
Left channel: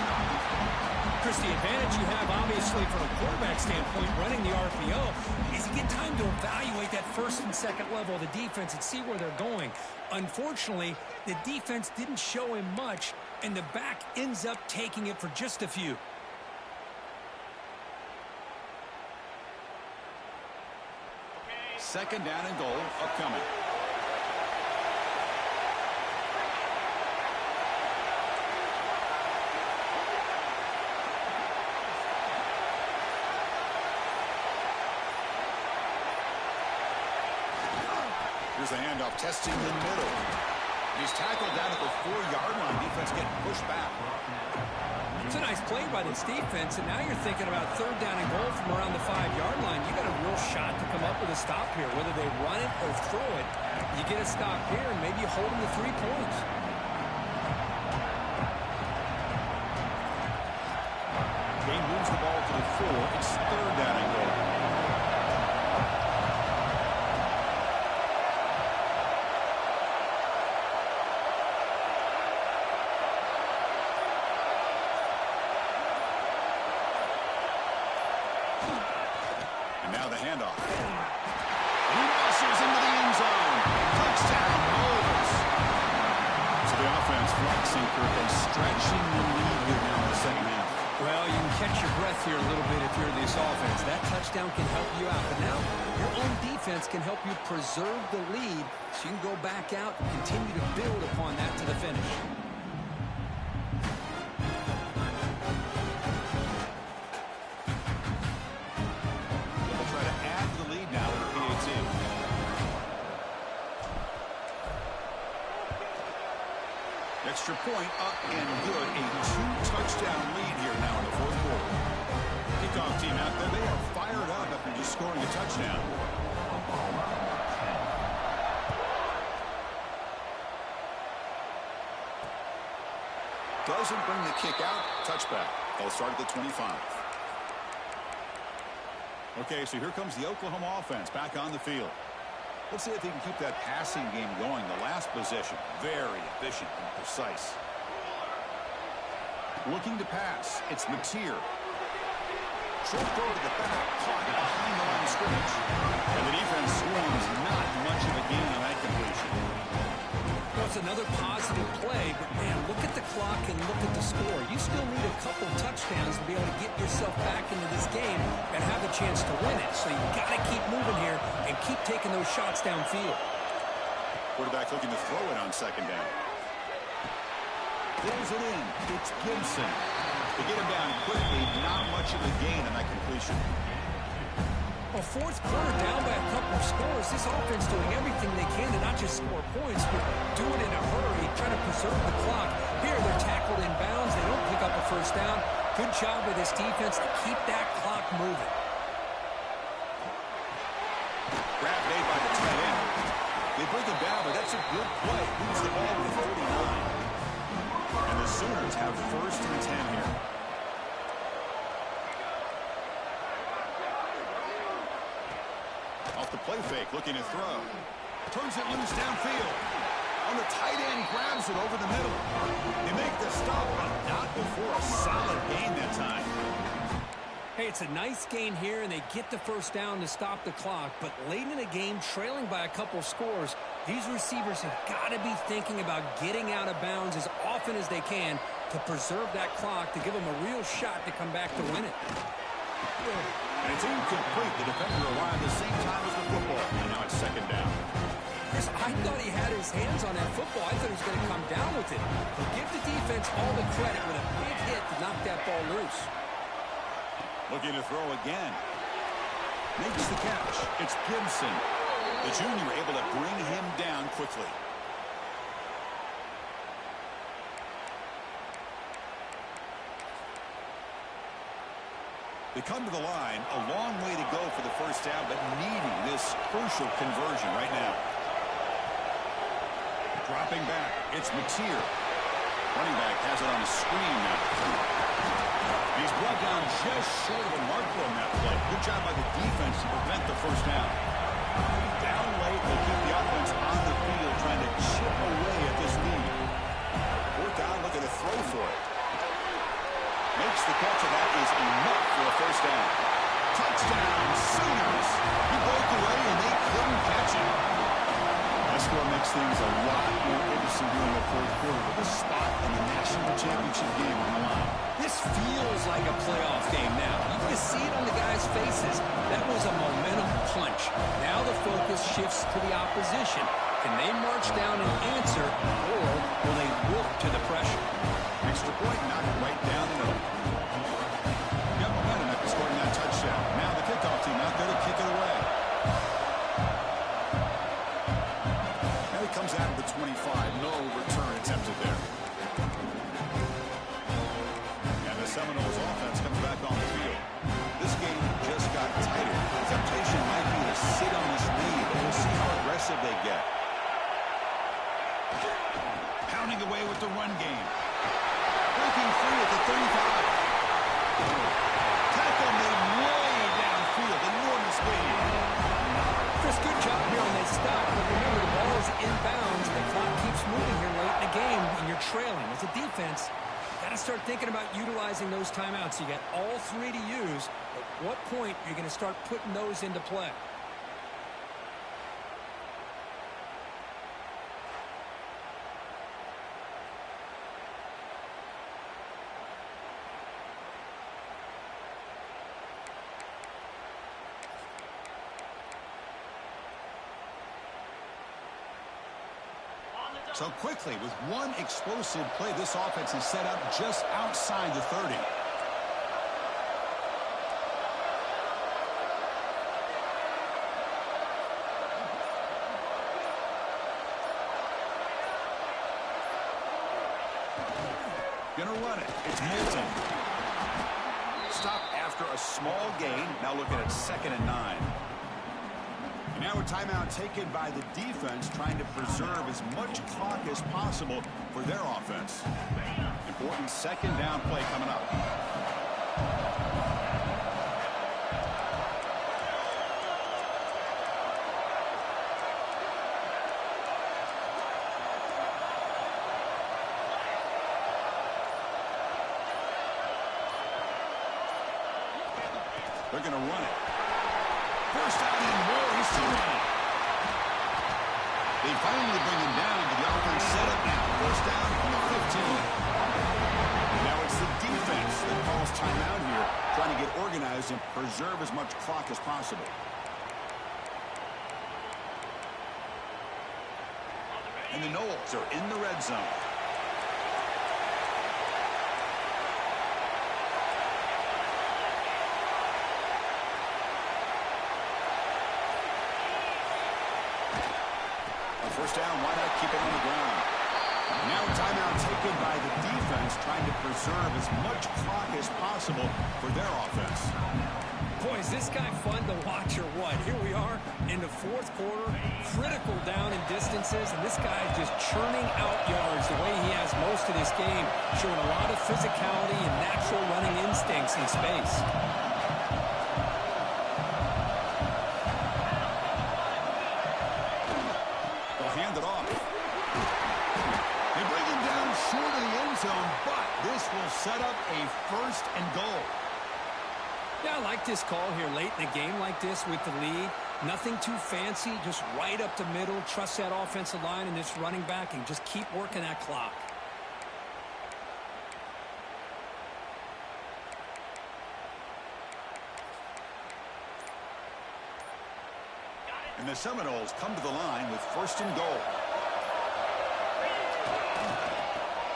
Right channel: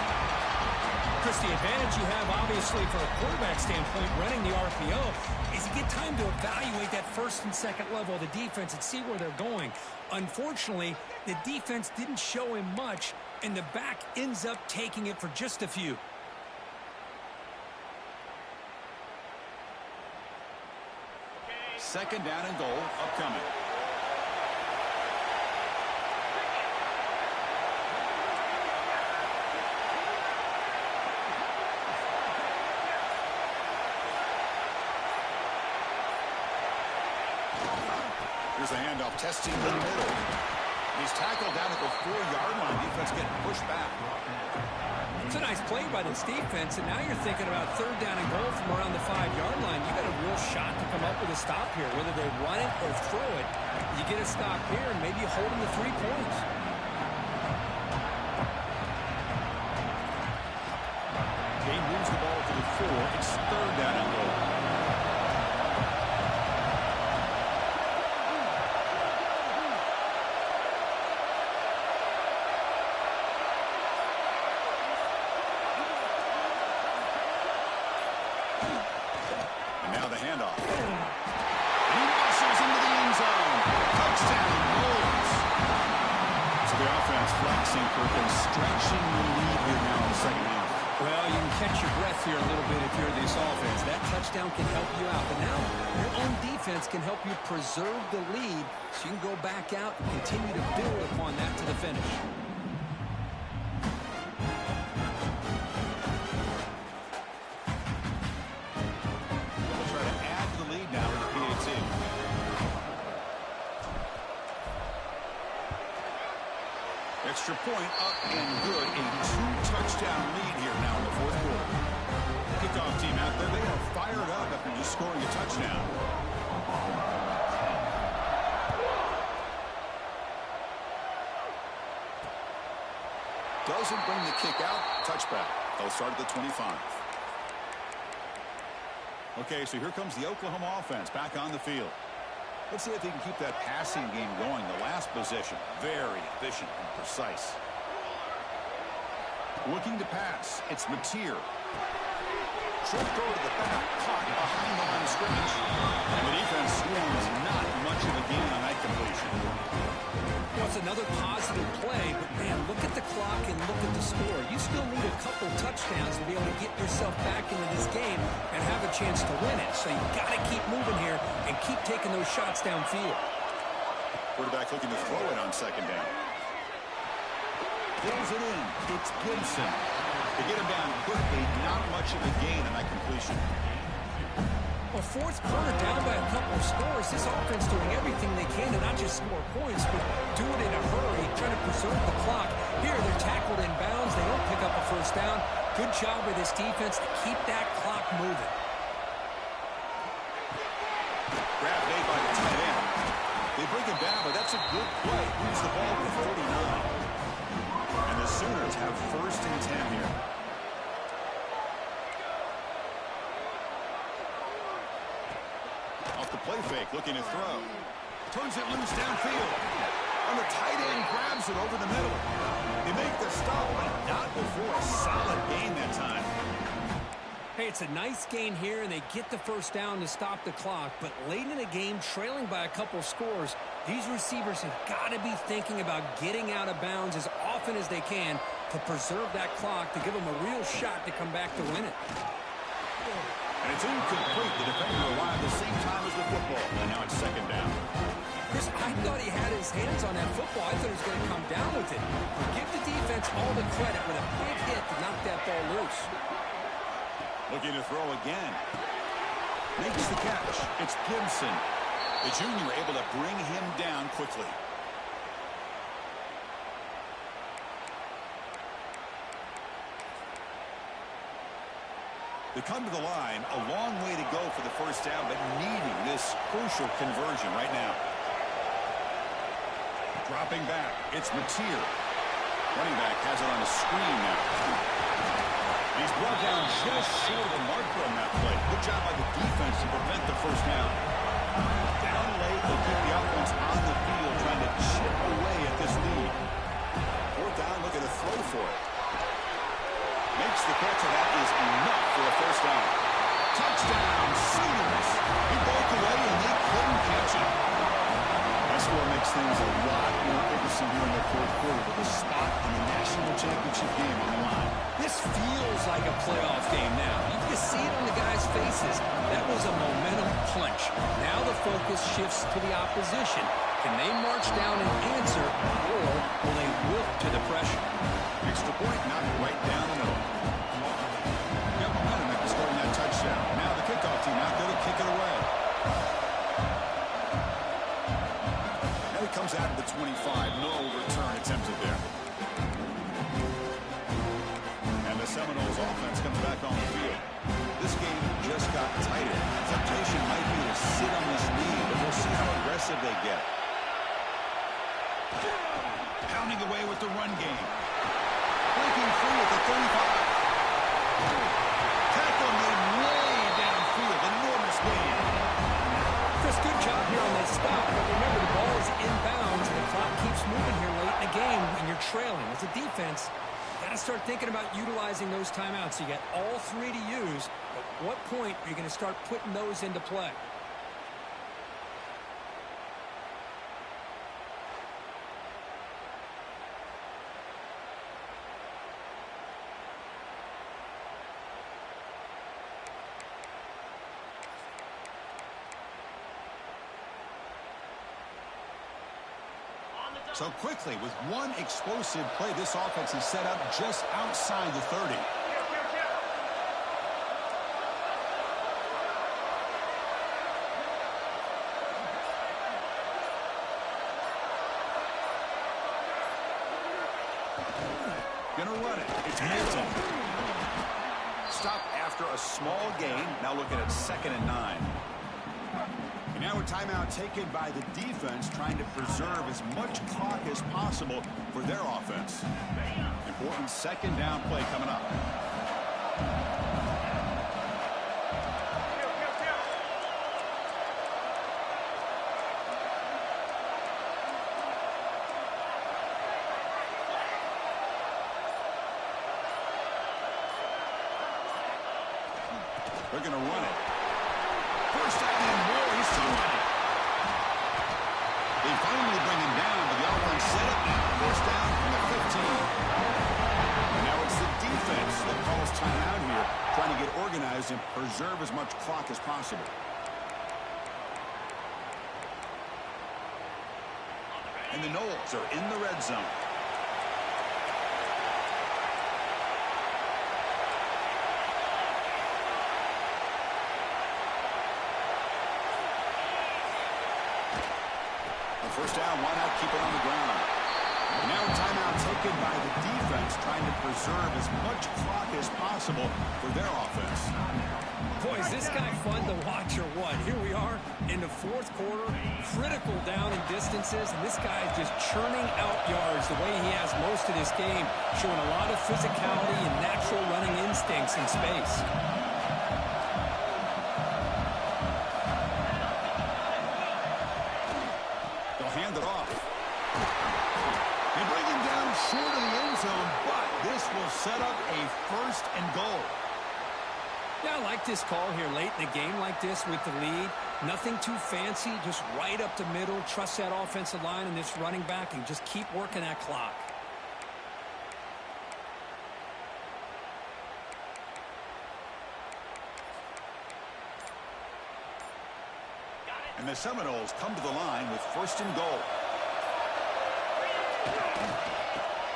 Chris, the advantage you have, obviously, from a quarterback standpoint, running the RPO, is you get time to evaluate that first and second level of the defense and see where they're going. Unfortunately, the defense didn't show him much, and the back ends up taking it for just a few. Second down and goal upcoming. Here's a handoff, testing the middle. He's tackled down at the 4-yard line. Defense getting pushed back. It's a nice play by this defense, and now you're thinking about third down and goal from around the 5-yard line. You got a real shot to come up with a stop here. Whether they run it or throw it, you get a stop here, and maybe you hold them to 3 points. Game moves the ball to the 4. It's third down and goal. Now the handoff. He muscles into the end zone. Touchdown, Moles. So the offense flexing, Kirk, and stretching the lead here now in the second half. Well, you can catch your breath here a little bit if you're this offense. That touchdown can help you out. But now your own defense can help you preserve the lead so you can go back out and continue to build upon that to the finish. Extra point up and good. A 2-touchdown lead here now in the fourth quarter. Kickoff team out there. They are fired up after just scoring a touchdown. Doesn't bring the kick out. Touchback. They'll start at the 25. Okay, so here comes the Oklahoma offense back on the field. Let's see if they can keep that passing game going. The last possession, very efficient and precise. Looking to pass, it's Mateer. Short throw to the back, caught behind the line of scrimmage. And the defense swarms, not much of a gain on that completion. Well, it's another positive play, but man, look at the clock and look at the score. You still need a couple touchdowns to be able to get yourself back into this game and have a chance to win it. So you got to keep moving here and keep taking those shots downfield. Quarterback looking to throw it on second down. Pulls it in. It's Gibson. They get him down quickly. Not much of a gain on that completion. Well, fourth quarter down by a couple of scores. This offense doing everything they can to not just score points, but do it in a hurry, trying to preserve the clock. Here, they're tackled in bounds. They don't pick up a first down. Good job by this defense to keep that clock moving. Grab made by the tight end. They bring him down, but that's a good play. Moves the ball to 39. And the Sooners have first and 10 here. Off the play fake, looking to throw. Turns it loose downfield. On the tight end, grabs it over the middle. They make the stop, but not before a solid gain that time. Hey, it's a nice gain here, and they get the first down to stop the clock. But late in the game, trailing by a couple scores, these receivers have got to be thinking about getting out of bounds as often as they can to preserve that clock, to give them a real shot to come back to win it. And it's incomplete. The defender arrived at the same time as the football. And now it's second down. Chris, I thought he had his hands on that football. I thought he was going to come down with it. But give the defense all the credit with a big hit to knock that ball loose. Looking to throw again. Makes the catch. It's Gibson. The junior able to bring him down quickly. They come to the line, a long way to go for the first down, but needing this crucial conversion right now. Dropping back, it's Mateer. Running back has it on a screen now. And he's brought down just short of the marker on that play. Good job by the defense to prevent the first down. Down late, they keep the offense on the field trying to chip away at this lead. Fourth down, looking to throw for it. Makes the catch, and that is enough for a first down. Touchdown, Sooners. He broke away, and they couldn't catch him. That score makes things a lot more interesting here in the fourth quarter with a spot in the national championship game on the line. This feels like a playoff game now. You can see it on the guys' faces. That was a momentum punch. Now the focus shifts to the opposition. Can they march down and answer, or will they wilt to the pressure? Extra point, knocked right down the middle. Got momentum after scoring that touchdown. Now the kickoff team out there to kick it away. Now he comes out of the 25. No return attempted there. And the Seminoles offense comes back on the field. This game just got tighter. The temptation might be to sit on this lead, but we'll see how aggressive they get. Pounding away with the run game. Breaking free at the 35. Tackle made way downfield. Enormous gain. Chris, good job here on that stop, but remember the ball is inbounds and the clock keeps moving here late in the game and you're trailing. As a defense, you got to start thinking about utilizing those timeouts. You got all three to use. At what point are you going to start putting those into play? So quickly, with one explosive play, this offense is set up just outside the 30. Gonna run it. It's Milton. Stop after a small gain. Now looking at 2nd and 9. And now a timeout taken by the defense, trying to preserve as much clock as possible for their offense. Important 2nd down play coming up. They're going to run it. First down and more. He's still running. They finally bring him down, but the offense set up now. First down from the 15. And now it's the defense that calls timeout here, trying to get organized and preserve as much clock as possible. And the Noles are in the red zone. First down, why not keep it on the ground? And now a timeout taken by the defense, trying to preserve as much clock as possible for their offense. Boy, is this guy fun to watch or what? Here we are in the fourth quarter, critical down in distances, and this guy is just churning out yards the way he has most of this game, showing a lot of physicality and natural running instincts in space. Hand it off. They bring him down short of the end zone, but this will set up a 1st and goal. Yeah, I like this call here late in a game like this with the lead. Nothing too fancy, just right up the middle. Trust that offensive line and this running back and just keep working that clock. And the Seminoles come to the line with 1st and goal.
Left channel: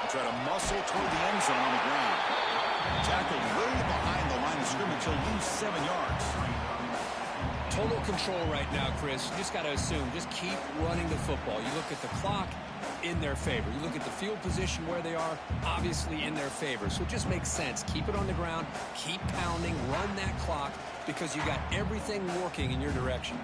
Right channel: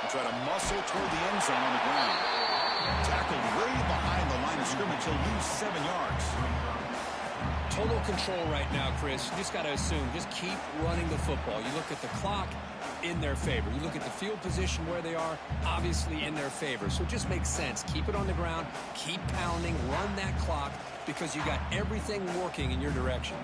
They try to muscle toward the end zone on the ground. Tackled way behind the line of scrimmage. He'll lose 7 yards. Total control right now, Chris. You just got to assume, just keep running the football. You look at the clock, in their favor. You look at the field position where they are, obviously in their favor. So it just makes sense. Keep it on the ground, keep pounding, run that clock, because you got everything working in your direction.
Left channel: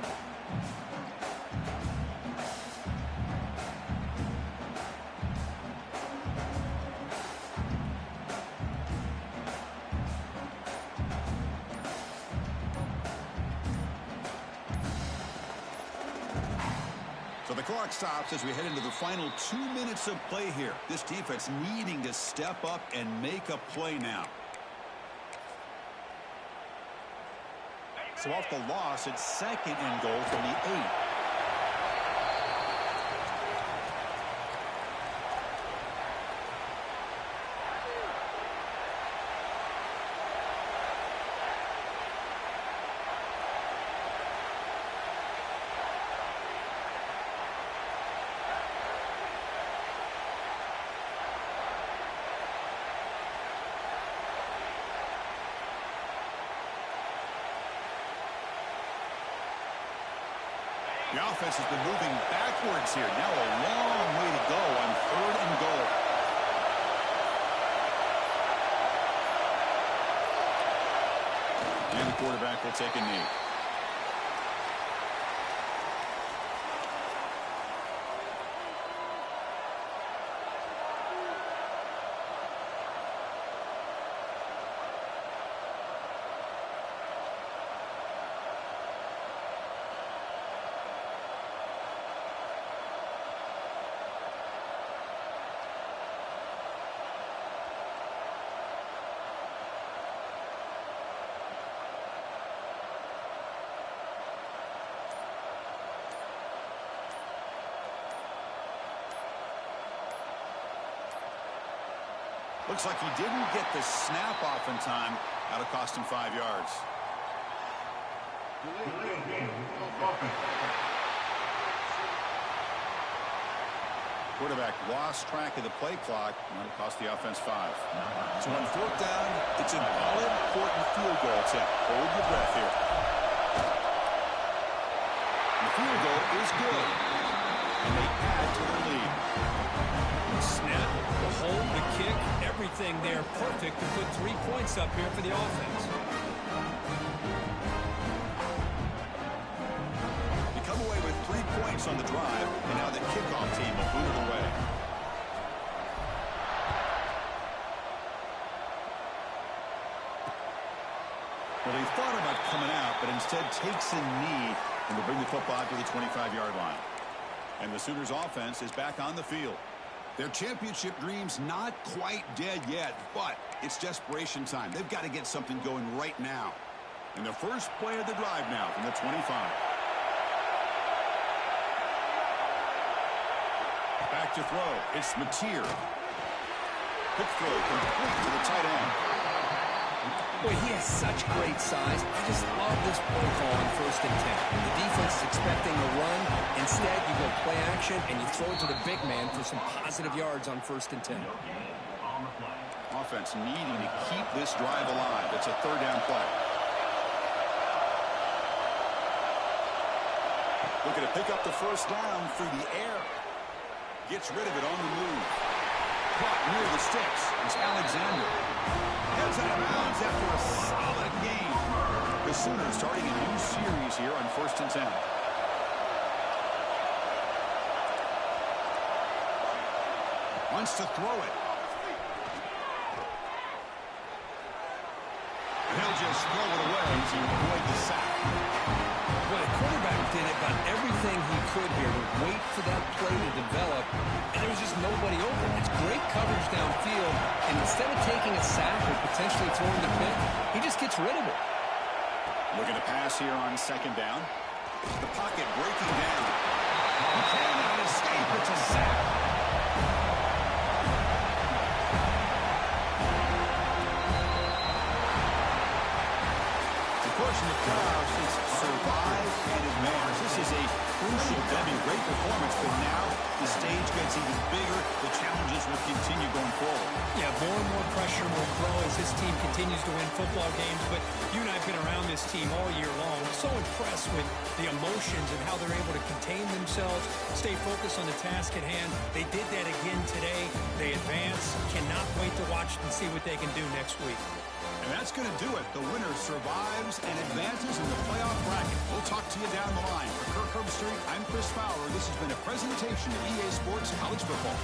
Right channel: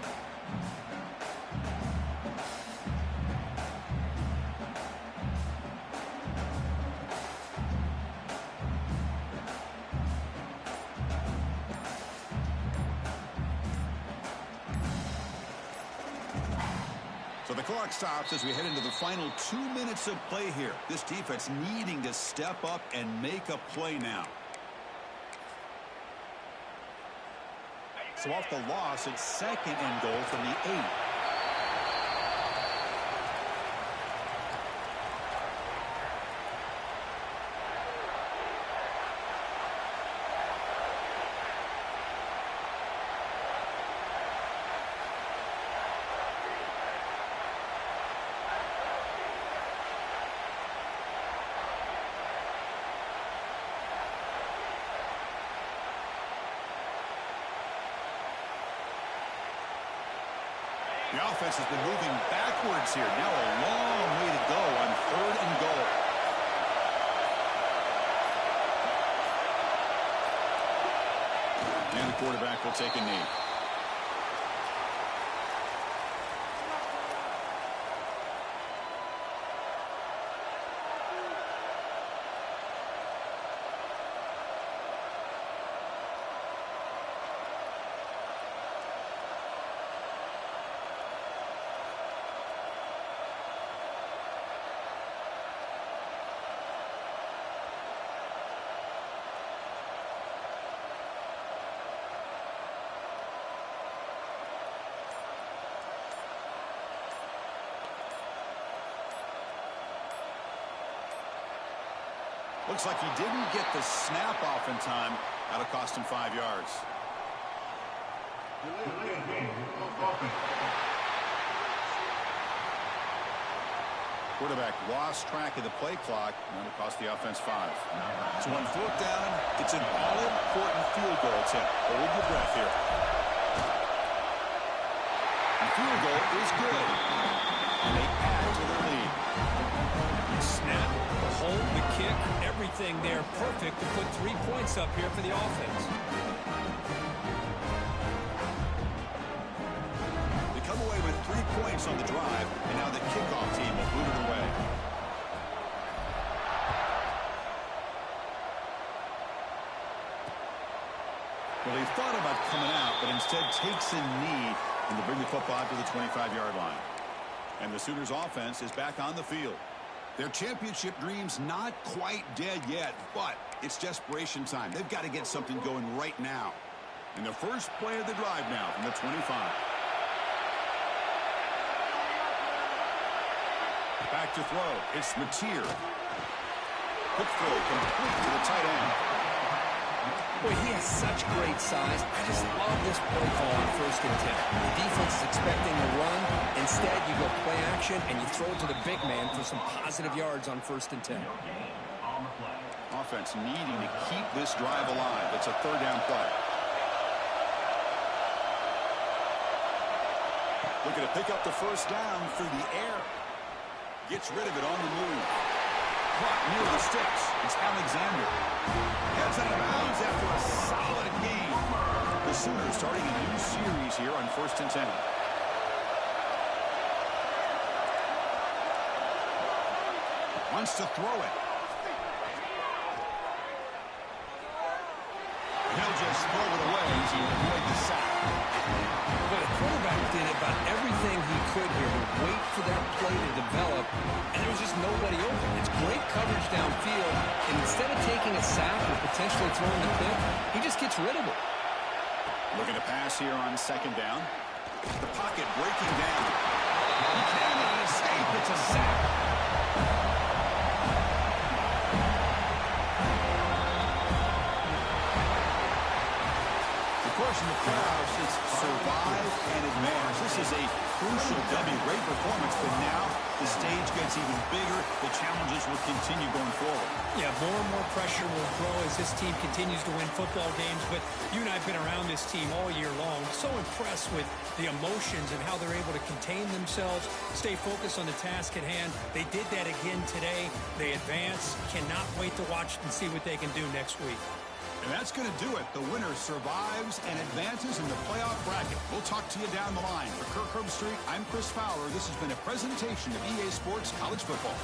So the clock stops as we head into the final 2 minutes of play here. This defense needing to step up and make a play now. So off the loss, it's 2nd and goal from the 8. The offense has been moving backwards here. Now a long way to go on 3rd and goal. And the quarterback will take a knee. Looks like he didn't get the snap off in time. That'll cost him 5 yards. Quarterback lost track of the play clock. That'll cost the offense 5. So on 4th down, it's an all-important field goal attempt. Hold your breath here. The field goal is good. And they add to their lead. The snap, the hold, the kick, everything there perfect to put 3 points up here for the offense. They come away with 3 points on the drive, and now the kickoff team will boot it away. Well, he thought about coming out, but instead takes a knee, and they'll bring the football to the 25-yard line. And the Sooners offense is back on the field. Their championship dreams not quite dead yet, but it's desperation time. They've got to get something going right now. And the first play of the drive now from the 25. Back to throw. It's Mateer. Quick throw complete to the tight end. Boy, he has such great size. I just love this play call on 1st and 10. The defense is expecting a run. Instead, you go play action, and you throw it to the big man for some positive yards on 1st and 10. Offense needing to keep this drive alive. It's a 3rd down play. Looking to pick up the 1st down through the air. Gets rid of it on the move. Caught near the sticks. It's Alexander. Heads out of bounds after a solid game. The Sooners starting a new series here on 1st and 10. Wants to throw it. And he'll just throw it away to avoid the sack. Well, the quarterback did about everything he could here to wait for that play to develop, and there was just nobody open. It's great coverage downfield, and instead of taking a sack or potentially throwing the pick, he just gets rid of it. Looking to pass here on 2nd down. The pocket breaking down. He cannot escape. It's a sack. Of course, in the playoffs, it's survive and advance. This is a crucial W. Great performance, but now the stage gets even bigger. The challenges will continue going forward. Yeah, more and more pressure will grow as this team continues to win football games. But you and I have been around this team all year long. So impressed with the emotions and how they're able to contain themselves, stay focused on the task at hand. They did that again today. They advance. Cannot wait to watch and see what they can do next week. And that's going to do it. The winner survives and advances in the playoff bracket. We'll talk to you down the line. For Kirk Herbstreit, I'm Chris Fowler. This has been a presentation of EA Sports College Football.